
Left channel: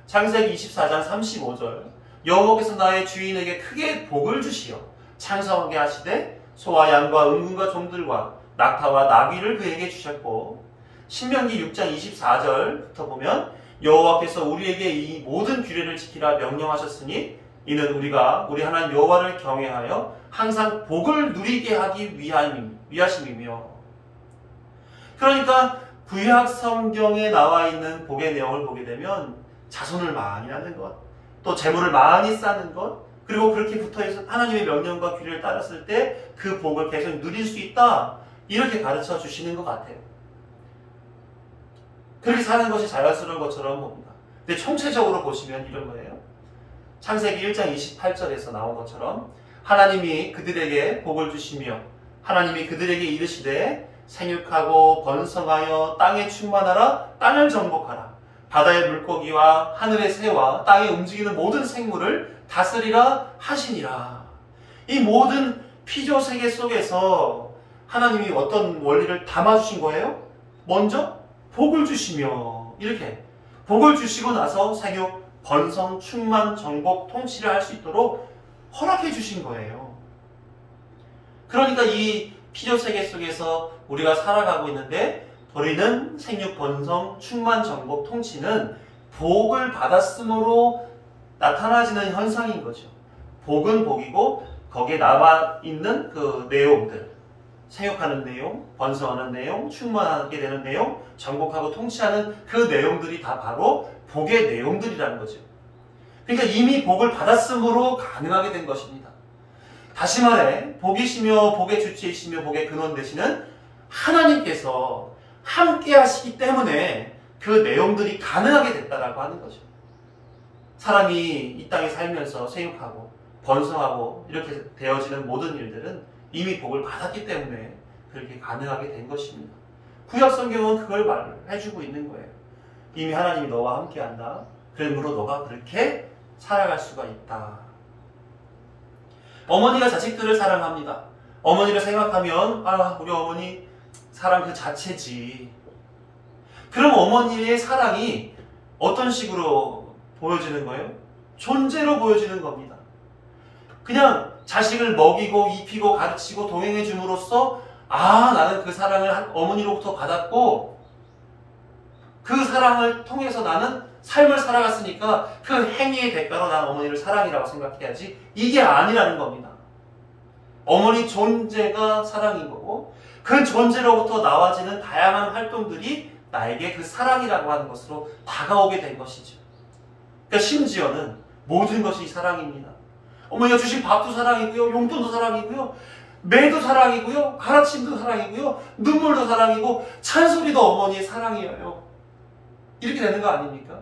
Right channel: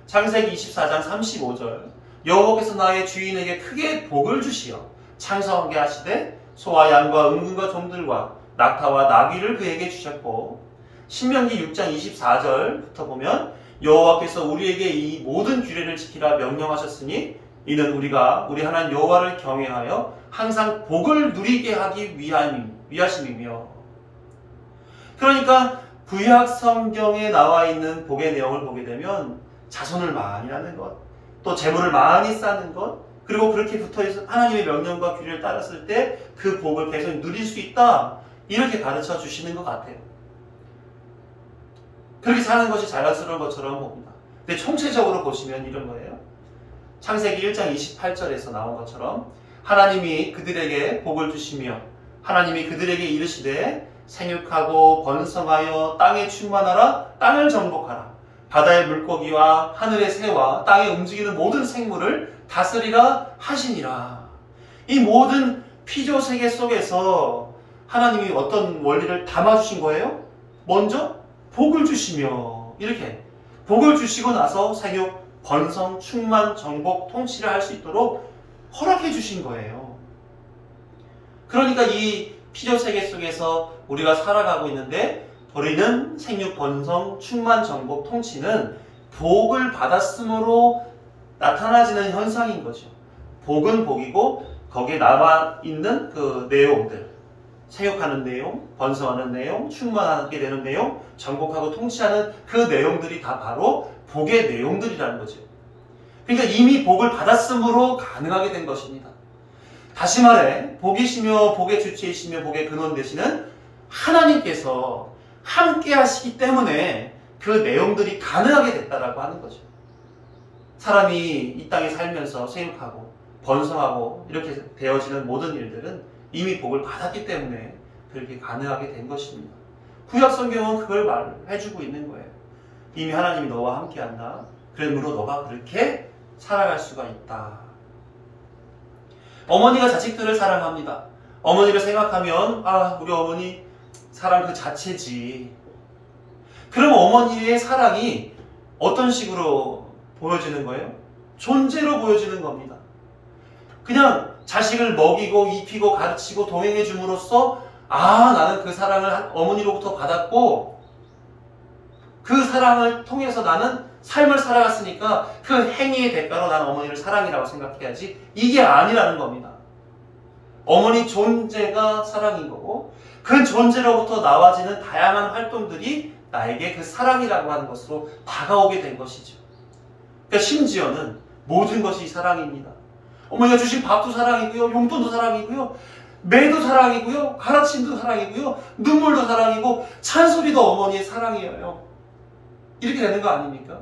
창세기 24장 35절 여호와께서 나의 주인에게 크게 복을 주시어 창성하게 하시되 소와 양과 은금과 종들과 낙타와 나귀를 그에게 주셨고 신명기 6장 24절부터 보면 여호와께서 우리에게 이 모든 규례를 지키라 명령하셨으니 이는 우리가 우리 하나님 여호와를 경외하여 항상 복을 누리게 하기 위하심이며. 그러니까 구약 성경에 나와 있는 복의 내용을 보게 되면 자손을 많이 낳는 것, 또 재물을 많이 쌓는 것, 그리고 그렇게 붙어있어 하나님의 명령과 규례를 따랐을 때 그 복을 계속 누릴 수 있다, 이렇게 가르쳐 주시는 것 같아요. 그렇게 사는 것이 자연스러운 것처럼 봅니다. 근데 총체적으로 보시면 이런 거예요. 창세기 1장 28절에서 나온 것처럼 하나님이 그들에게 복을 주시며 하나님이 그들에게 이르시되 생육하고 번성하여 땅에 충만하라, 땅을 정복하라, 바다의 물고기와 하늘의 새와 땅에 움직이는 모든 생물을 다스리라 하시니라. 이 모든 피조 세계 속에서 하나님이 어떤 원리를 담아주신 거예요? 먼저 복을 주시며, 이렇게 복을 주시고 나서 생육, 번성, 충만, 정복, 통치를 할 수 있도록 허락해 주신 거예요. 그러니까 이 피조세계 속에서 우리가 살아가고 있는데 우리는 생육, 번성, 충만, 정복, 통치는 복을 받았으므로 나타나지는 현상인 거죠. 복은 복이고 거기에 남아있는 그 내용들, 생육하는 내용, 번성하는 내용, 충만하게 되는 내용, 정복하고 통치하는 그 내용들이 다 바로 복의 내용들이라는 거죠. 그러니까 이미 복을 받았으므로 가능하게 된 것입니다. 다시 말해 복이시며 복의 주체이시며 복의 근원 되시는 하나님께서 함께 하시기 때문에 그 내용들이 가능하게 됐다라고 하는 거죠. 사람이 이 땅에 살면서 생육하고 번성하고 이렇게 되어지는 모든 일들은 이미 복을 받았기 때문에 그렇게 가능하게 된 것입니다. 구약 성경은 그걸 말해주고 있는 거예요. 이미 하나님이 너와 함께한다. 그러므로 너가 그렇게 살아갈 수가 있다. 어머니가 자식들을 사랑합니다. 어머니를 생각하면 우리 어머니 사랑 그 자체지. 그럼 어머니의 사랑이 어떤 식으로 보여지는 거예요? 존재로 보여지는 겁니다. 그냥 자식을 먹이고 입히고 가르치고 동행해 줌으로써 나는 그 사랑을 어머니로부터 받았고 그 사랑을 통해서 나는 삶을 살아갔으니까 그 행위의 대가로 난 어머니를 사랑이라고 생각해야지, 이게 아니라는 겁니다. 어머니 존재가 사랑인 거고 그 존재로부터 나와지는 다양한 활동들이 나에게 그 사랑이라고 하는 것으로 다가오게 된 것이죠. 그러니까 심지어는 모든 것이 사랑입니다. 어머니가 주신 밥도 사랑이고요, 용돈도 사랑이고요, 매도 사랑이고요, 가르침도 사랑이고요, 눈물도 사랑이고 찬소리도 어머니의 사랑이에요. 이렇게 되는 거 아닙니까?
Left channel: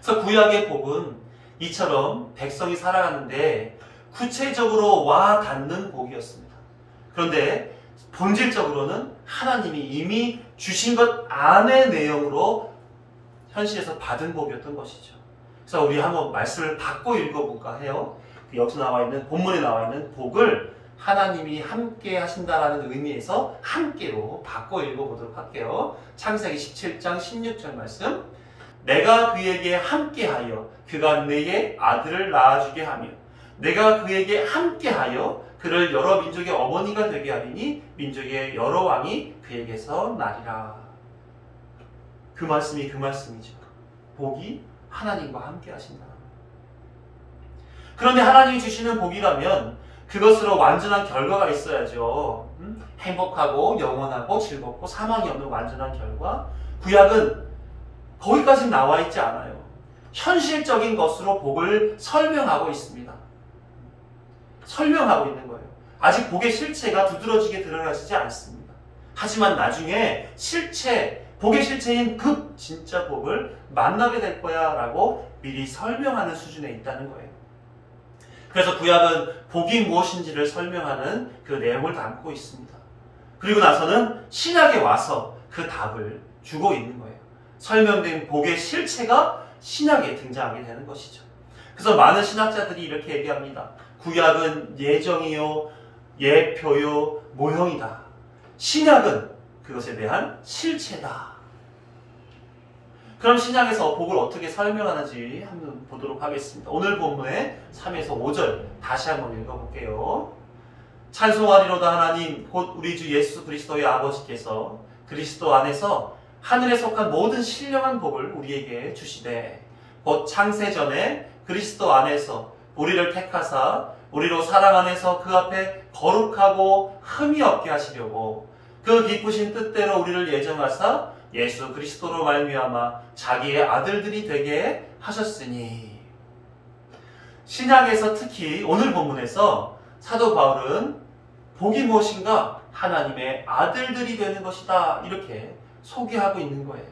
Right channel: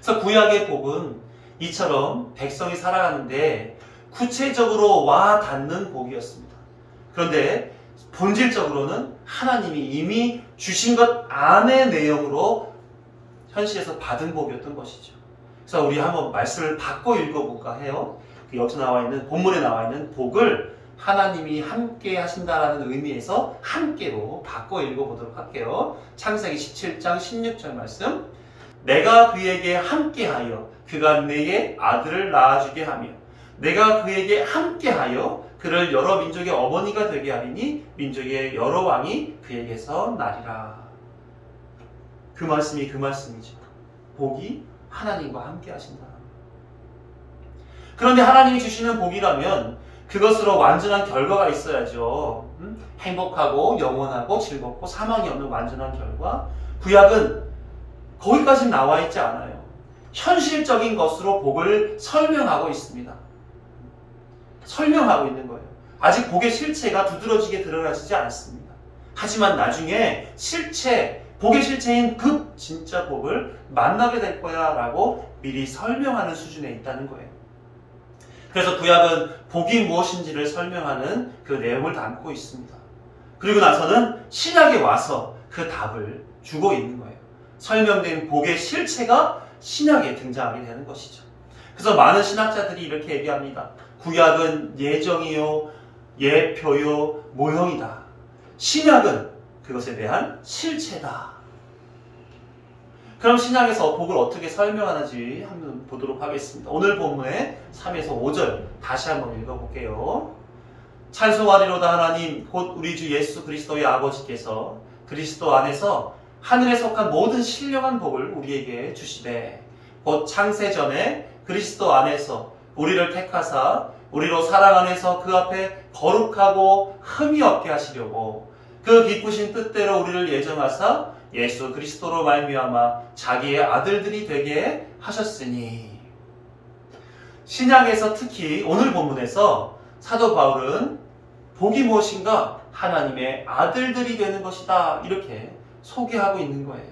그래서 구약의 복은 이처럼 백성이 살아가는데 구체적으로 와 닿는 복이었습니다. 그런데 본질적으로는 하나님이 이미 주신 것 안의 내용으로 현실에서 받은 복이었던 것이죠. 그래서 우리 한번 말씀을 바꿔 읽어볼까 해요. 여기서 나와 있는, 본문에 나와 있는 복을 하나님이 함께 하신다라는 의미에서 함께로 바꿔 읽어보도록 할게요. 창세기 17장 16절 말씀. 내가 그에게 함께하여 그가 내게 아들을 낳아주게 하며 내가 그에게 함께하여 그를 여러 민족의 어머니가 되게 하리니 민족의 여러 왕이 그에게서 나리라. 그 말씀이 그 말씀이죠. 복이 하나님과 함께 하신다. 그런데 하나님이 주시는 복이라면 그것으로 완전한 결과가 있어야죠. 행복하고 영원하고 즐겁고 사망이 없는 완전한 결과. 구약은 거기까지는 나와 있지 않아요. 현실적인 것으로 복을 설명하고 있습니다. 설명하고 있는 거예요. 아직 복의 실체가 두드러지게 드러나지 않습니다. 하지만 나중에 복의 실체인 그 진짜 복을 만나게 될 거야 라고 미리 설명하는 수준에 있다는 거예요. 그래서 구약은 복이 무엇인지를 설명하는 그 내용을 담고 있습니다. 그리고 나서는 신약에 와서 그 답을 주고 있는 거예요. 설명된 복의 실체가 신약에 등장하게 되는 것이죠. 그래서 많은 신학자들이 이렇게 얘기합니다. 구약은 예정이요, 예표요, 모형이다. 신약은 그것에 대한 실체다. 그럼 신약에서 복을 어떻게 설명하는지 한번 보도록 하겠습니다. 오늘 본문의 3에서 5절 다시 한번 읽어볼게요. 찬송하리로다 하나님 곧 우리 주 예수 그리스도의 아버지께서 그리스도 안에서 하늘에 속한 모든 신령한 복을 우리에게 주시되 곧 창세전에 그리스도 안에서 우리를 택하사 우리로 사랑 안에서 그 앞에 거룩하고 흠이 없게 하시려고 그 기쁘신 뜻대로 우리를 예정하사 예수 그리스도로 말미암아 자기의 아들들이 되게 하셨으니. 신약에서 특히 오늘 본문에서 사도 바울은 복이 무엇인가? 하나님의 아들들이 되는 것이다. 이렇게 소개하고 있는 거예요.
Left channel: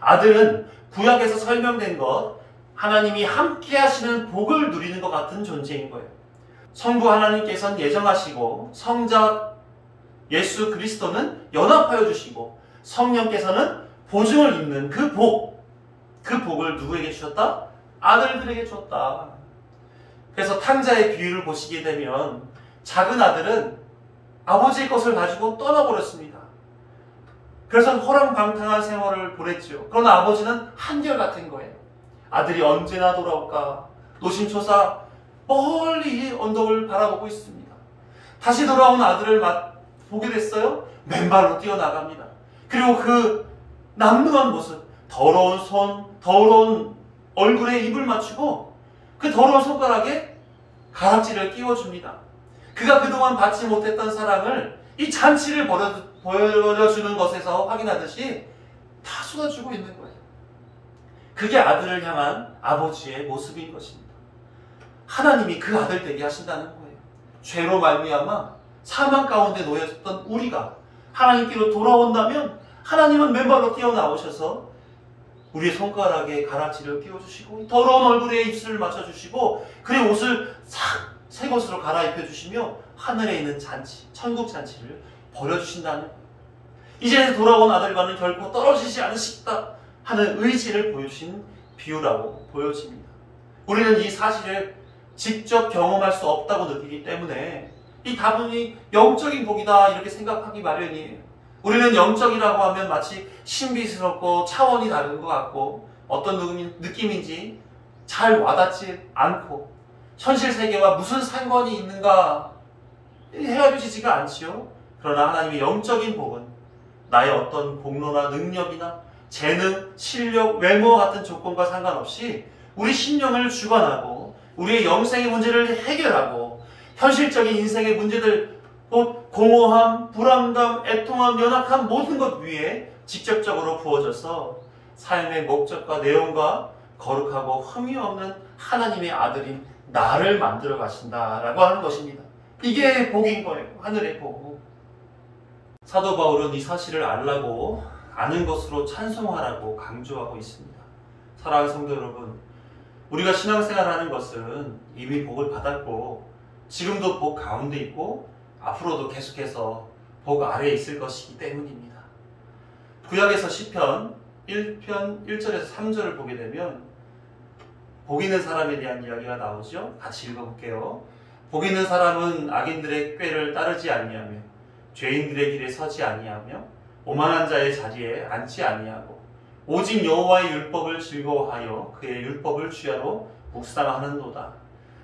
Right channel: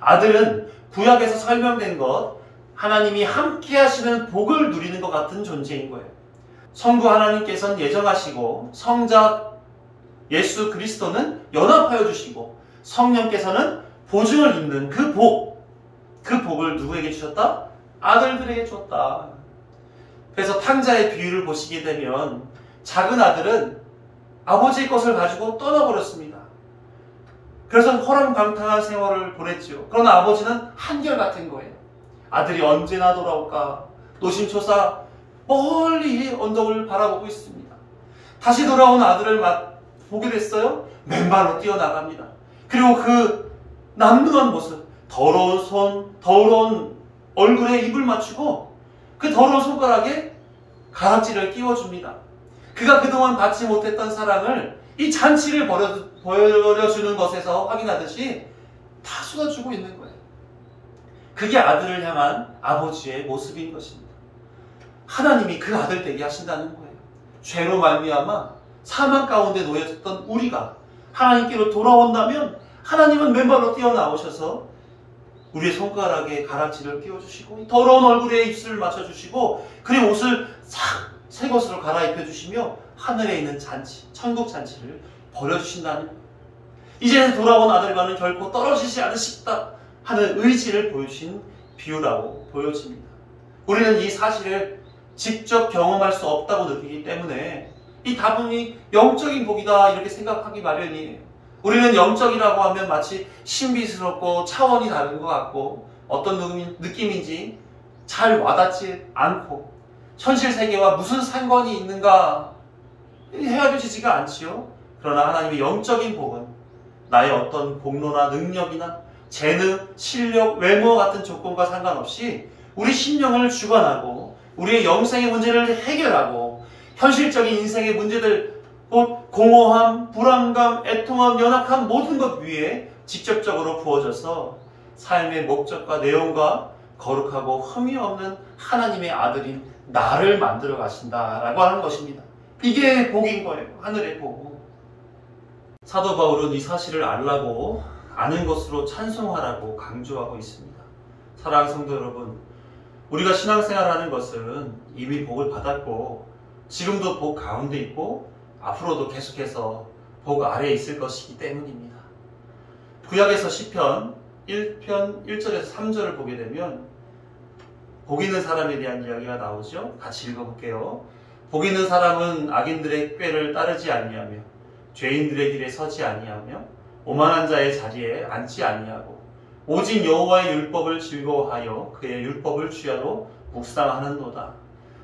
아들은 구약에서 설명된 것, 하나님이 함께 하시는 복을 누리는 것 같은 존재인 거예요. 성부 하나님께서는 예정하시고 성자 예수 그리스도는 연합하여 주시고 성령께서는 보증을 잇는 그 복을 누구에게 주셨다? 아들들에게 줬다. 그래서 탕자의 비유를 보시게 되면 작은 아들은 아버지의 것을 가지고 떠나버렸습니다. 그래서 허랑방탕한 생활을 보냈죠. 그러나 아버지는 한결같은 거예요. 아들이 언제나 돌아올까? 노심초사 멀리 언덕을 바라보고 있습니다. 다시 돌아온 아들을 보게 됐어요. 맨발로 뛰어나갑니다. 그리고 그 남루한 모습, 더러운 손, 더러운 얼굴에 입을 맞추고 그 더러운 손가락에 가락지를 끼워줍니다. 그가 그동안 받지 못했던 사랑을 이 잔치를 보여주는 것에서 확인하듯이 다 쏟아주고 있는 거예요. 그게 아들을 향한 아버지의 모습인 것입니다. 하나님이 그 아들 되게 하신다는 거예요. 죄로 말미암아 사망 가운데 놓였던 우리가 하나님께로 돌아온다면 하나님은 맨발로 뛰어나오셔서 우리의 손가락에 가락지를 끼워주시고 더러운 얼굴에 입술을 맞춰주시고 그리고 옷을 싹 새 것으로 갈아입혀 주시며 하늘에 있는 잔치, 천국 잔치를 벌여주신다는 거예요. 이제 돌아온 아들과는 결코 떨어지지 않으시다 하는 의지를 보여주신 비유라고 보여집니다. 우리는 이 사실을 직접 경험할 수 없다고 느끼기 때문에 이 다분히 영적인 복이다 이렇게 생각하기 마련이에요. 우리는 영적이라고 하면 마치 신비스럽고 차원이 다른 것 같고 어떤 느낌인지 잘 와닿지 않고 현실 세계와 무슨 상관이 있는가 헤아려지지가 않지요. 그러나 하나님의 영적인 복은 나의 어떤 복로나 능력이나 재능, 실력, 외모와 같은 조건과 상관없이 우리 심령을 주관하고 우리의 영생의 문제를 해결하고 현실적인 인생의 문제들 곧 공허함, 불안감, 애통함, 연약함 모든 것 위에 직접적으로 부어져서 삶의 목적과 내용과 거룩하고 흠이 없는 하나님의 아들인 나를 만들어 가신다라고 하는 것입니다. 이게 복인 거예요. 하늘의 복. 사도 바울은 이 사실을 알라고 아는 것으로 찬송하라고 강조하고 있습니다. 사랑하는 성도 여러분, 우리가 신앙생활하는 것은 이미 복을 받았고 지금도 복 가운데 있고 앞으로도 계속해서 복 아래에 있을 것이기 때문입니다. 구약에서 시편 1편 1절에서 3절을 보게 되면 복 있는 사람에 대한 이야기가 나오죠. 같이 읽어볼게요. 복 있는 사람은 악인들의 꾀를 따르지 아니하며 죄인들의 길에 서지 아니하며 오만한 자의 자리에 앉지 아니하고 오직 여호와의 율법을 즐거워하여 그의 율법을 주야로 묵상하는도다.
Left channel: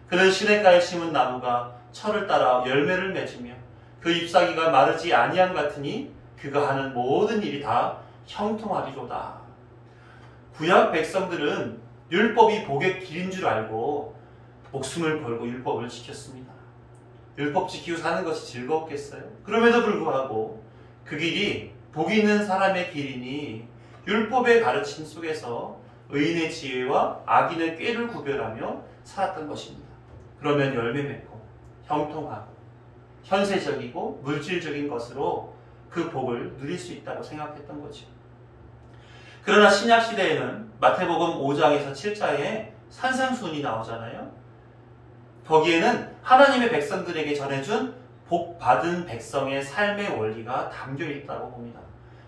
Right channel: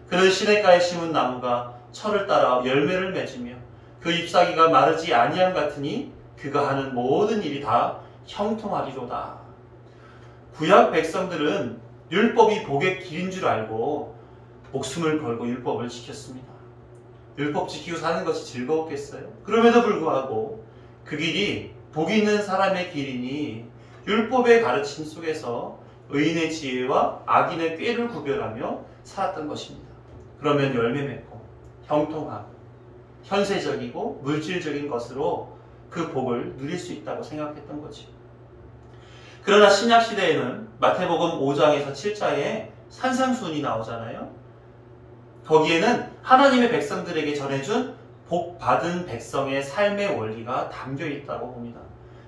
그는 시냇가에 심은 나무가 철을 따라 열매를 맺으며 그 잎사귀가 마르지 아니함 같으니 그가 하는 모든 일이 다 형통하리로다. 구약 백성들은 율법이 복의 길인 줄 알고 목숨을 걸고 율법을 지켰습니다. 율법 지키고 사는 것이 즐거웠겠어요? 그럼에도 불구하고 그 길이 복 있는 사람의 길이니 율법의 가르침 속에서 의인의 지혜와 악인의 꾀를 구별하며 살았던 것입니다. 그러면 열매 맺고 형통하고 현세적이고 물질적인 것으로 그 복을 누릴 수 있다고 생각했던 거죠. 그러나 신약시대에는 마태복음 5장에서 7장에 산상수훈이 나오잖아요. 거기에는 하나님의 백성들에게 전해준 복 받은 백성의 삶의 원리가 담겨 있다고 봅니다.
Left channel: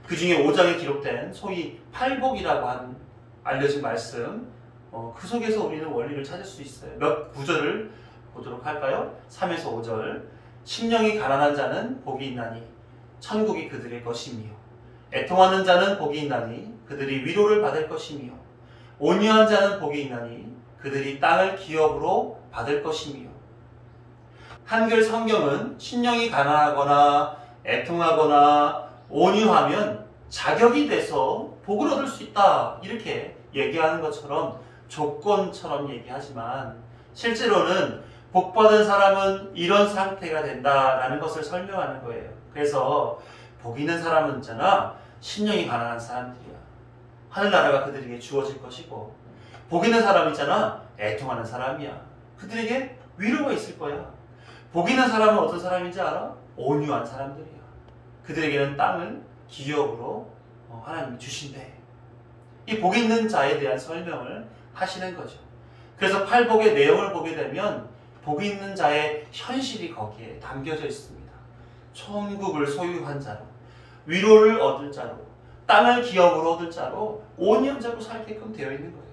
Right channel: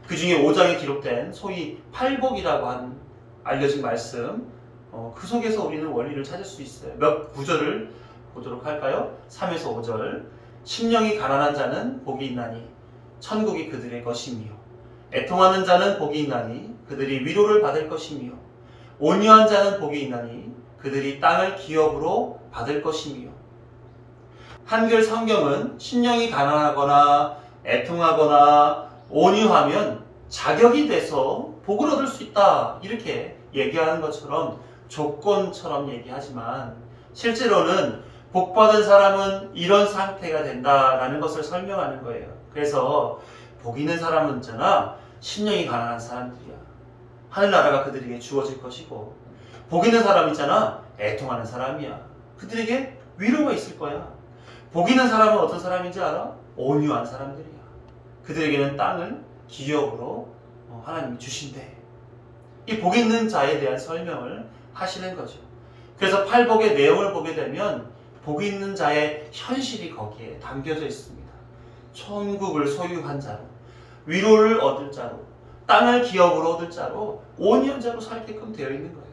그 중에 5장에 기록된 소위 팔복이라고 하는 알려진 말씀, 그 속에서 우리는 원리를 찾을 수 있어요. 몇 구절을 보도록 할까요? 3에서 5절. 심령이 가난한 자는 복이 있나니 천국이 그들의 것이며 애통하는 자는 복이 있나니 그들이 위로를 받을 것이며 온유한 자는 복이 있나니 그들이 땅을 기업으로 받을 것이며. 한글 성경은 심령이 가난하거나 애통하거나 온유하면 자격이 돼서 복을 얻을 수 있다 이렇게 얘기하는 것처럼 조건처럼 얘기하지만 실제로는 복받은 사람은 이런 상태가 된다라는 것을 설명하는 거예요. 그래서 복 있는 사람은 있잖아, 심령이 가난한 사람들이야. 하늘나라가 그들에게 주어질 것이고, 복 있는 사람 있잖아, 애통하는 사람이야. 그들에게 위로가 있을 거야. 복 있는 사람은 어떤 사람인지 알아? 온유한 사람들이야. 그들에게는 땅을 기업으로 하나님이 주신대. 이 복 있는 자에 대한 설명을 하시는 거죠. 그래서 팔복의 내용을 보게 되면 복 있는 자의 현실이 거기에 담겨져 있습니다. 천국을 소유한 자로, 위로를 얻을 자로, 땅을 기업으로 얻을 자로, 온유한 자로 살게끔 되어 있는 거예요.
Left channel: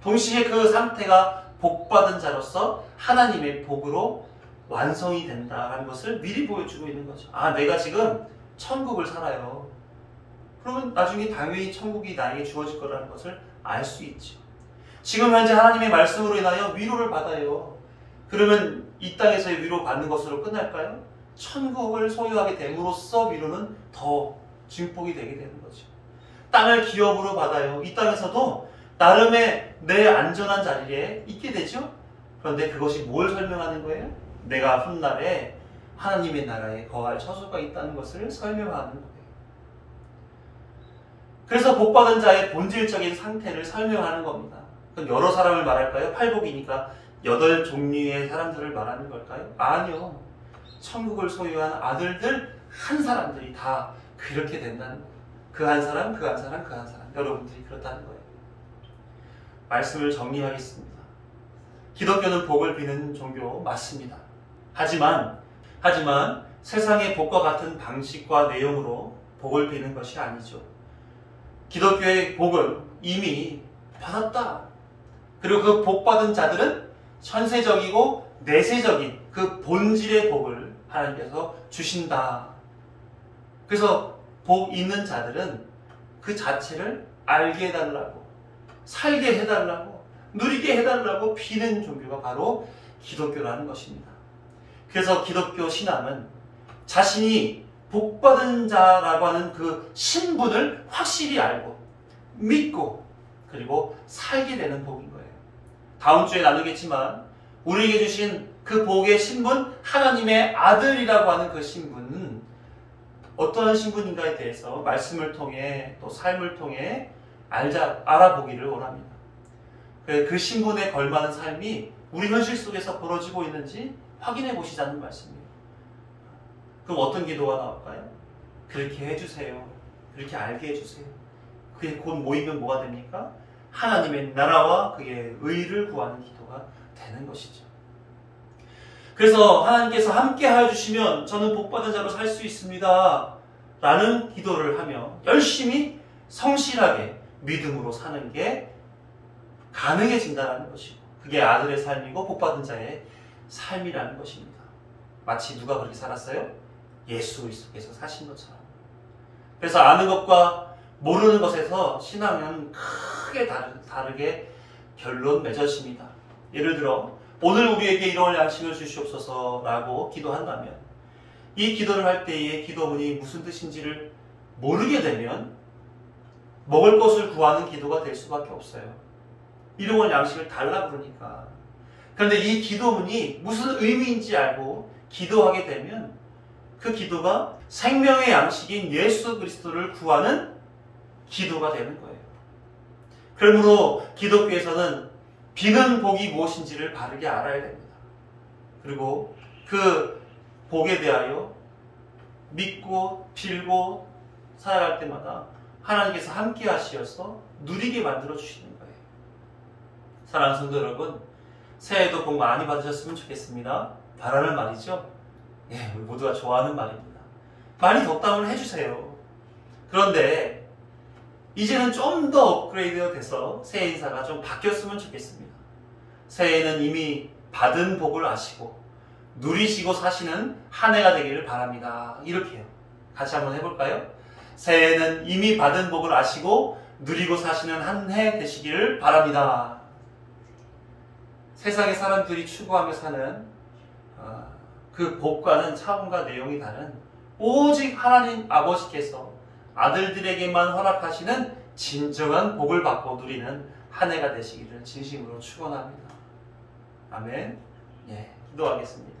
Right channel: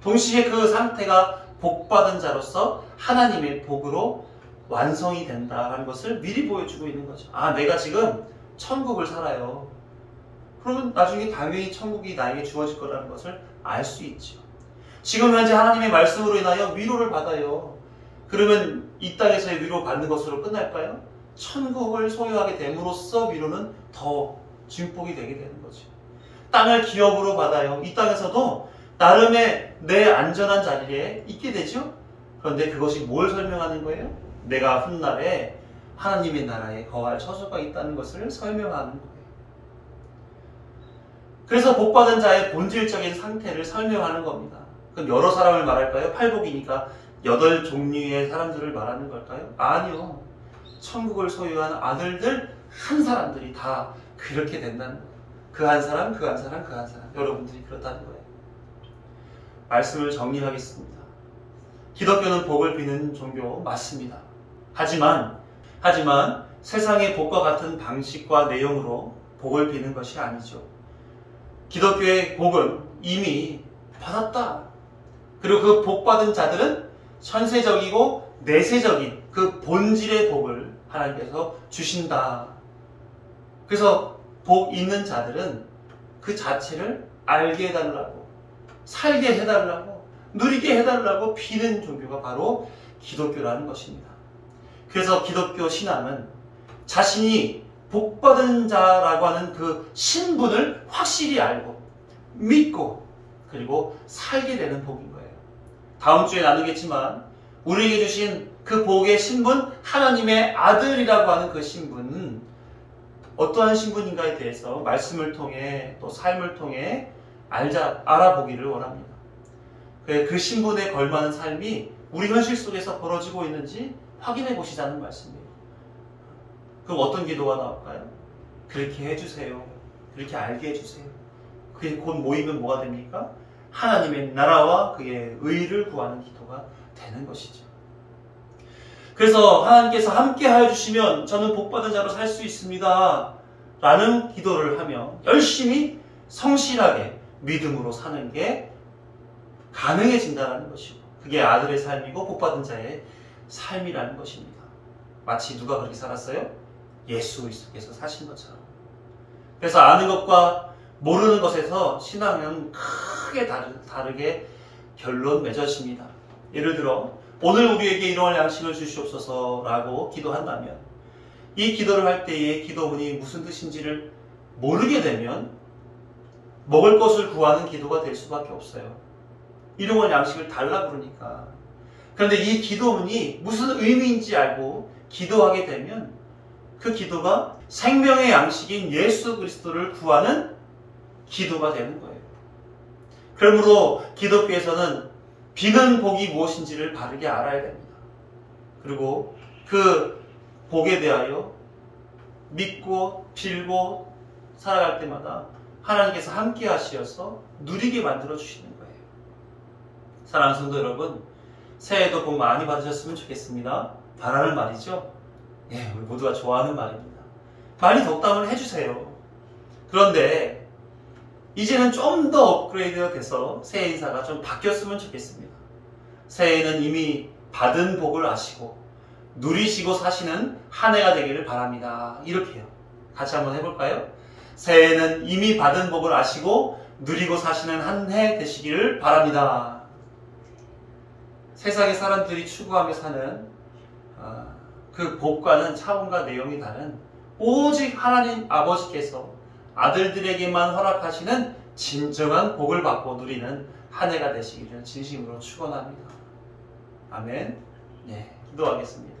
동시에 그 상태가 복받은 자로서 하나님의 복으로 완성이 된다는 것을 미리 보여주고 있는 거죠. 아, 내가 지금 천국을 살아요. 그러면 나중에 당연히 천국이 나에게 주어질 거라는 것을 알 수 있죠. 지금 현재 하나님의 말씀으로 인하여 위로를 받아요. 그러면 이 땅에서의 위로 받는 것으로 끝날까요? 천국을 소유하게 됨으로써 위로는 더 증폭이 되게 되는 거죠. 땅을 기업으로 받아요. 이 땅에서도 나름의 내 안전한 자리에 있게 되죠. 그런데 그것이 뭘 설명하는 거예요? 내가 훗날에 하나님의 나라에 거할 처소가 있다는 것을 설명하는 거예요. 그래서 복받은 자의 본질적인 상태를 설명하는 겁니다. 그럼 여러 사람을 말할까요? 팔복이니까 8종류의 사람들을 말하는 걸까요? 아니요. 천국을 소유한 아들들 한 사람들이 다 그렇게 된다는 거예요. 그 한 사람, 그 한 사람, 그 한 사람. 여러분들이 그렇다는 거예요. 말씀을 정리하겠습니다. 기독교는 복을 비는 종교 맞습니다. 하지만 세상의 복과 같은 방식과 내용으로 복을 비는 것이 아니죠. 기독교의 복은 이미 받았다. 그리고 그 복받은 자들은 현세적이고 내세적인 그 본질의 복을 하나님께서 주신다. 그래서 복 있는 자들은 그 자체를 알게 해달라고, 살게 해달라고, 누리게 해달라고 비는 종교가 바로 기독교라는 것입니다. 그래서 기독교 신앙은 자신이 복받은 자라고 하는 그 신분을 확실히 알고 믿고 그리고 살게 되는 복인 거예요. 다음 주에 나누겠지만 우리에게 주신 그 복의 신분, 하나님의 아들이라고 하는 그 신분은 어떠한 신분인가에 대해서 말씀을 통해 또 삶을 통해 알아보기를 원합니다. 그 신분에 걸맞는 삶이 우리 현실 속에서 벌어지고 있는지 확인해 보시자는 말씀이에요. 그럼 어떤 기도가 나올까요? 그렇게 해주세요. 그렇게 알게 해주세요. 그게 곧 모이면 뭐가 됩니까? 하나님의 나라와 그의 의를 구하는 기도가 되는 것이죠. 그래서 하나님께서 함께 하여 주시면 저는 복받은 자로 살 수 있습니다. 라는 기도를 하며 열심히 성실하게 믿음으로 사는 게 가능해진다는 것이고, 그게 아들의 삶이고 복받은 자의 삶이라는 것입니다. 마치 누가 그렇게 살았어요? 예수 그리스도께서 사신 것처럼. 그래서 아는 것과 모르는 것에서 신앙은 크게 다르게 결론 맺어집니다. 예를 들어 오늘 우리에게 일용할 양식을 주시옵소서 라고 기도한다면, 이 기도를 할 때에 기도문이 무슨 뜻인지를 모르게 되면 먹을 것을 구하는 기도가 될 수밖에 없어요. 일용할 양식을 달라 그러니까. 그런데 이 기도문이 무슨 의미인지 알고 기도하게 되면 그 기도가 생명의 양식인 예수 그리스도를 구하는 기도가 되는 거예요. 그러므로 기독교에서는 비는 복이 무엇인지를 바르게 알아야 됩니다. 그리고 그 복에 대하여 믿고 빌고 살아갈 때마다 하나님께서 함께 하시어서 누리게 만들어 주시는 거예요. 사랑하는 성도 여러분, 새해에도 복 많이 받으셨으면 좋겠습니다. 바라는 말이죠. 예, 우리 모두가 좋아하는 말입니다. 많이 덕담을 해주세요. 그런데 이제는 좀 더 업그레이드가 돼서 새해 인사가 좀 바뀌었으면 좋겠습니다. 새해에는 이미 받은 복을 아시고 누리시고 사시는 한 해가 되기를 바랍니다. 이렇게요. 같이 한번 해볼까요? 새해에는 이미 받은 복을 아시고 누리고 사시는 한 해 되시기를 바랍니다. 세상의 사람들이 추구하며 사는 그 복과는 차원과 내용이 다른 오직 하나님 아버지께서 아들들에게만 허락하시는 진정한 복을 받고 누리는 한 해가 되시기를 진심으로 축원합니다. 아멘. 네, 기도하겠습니다.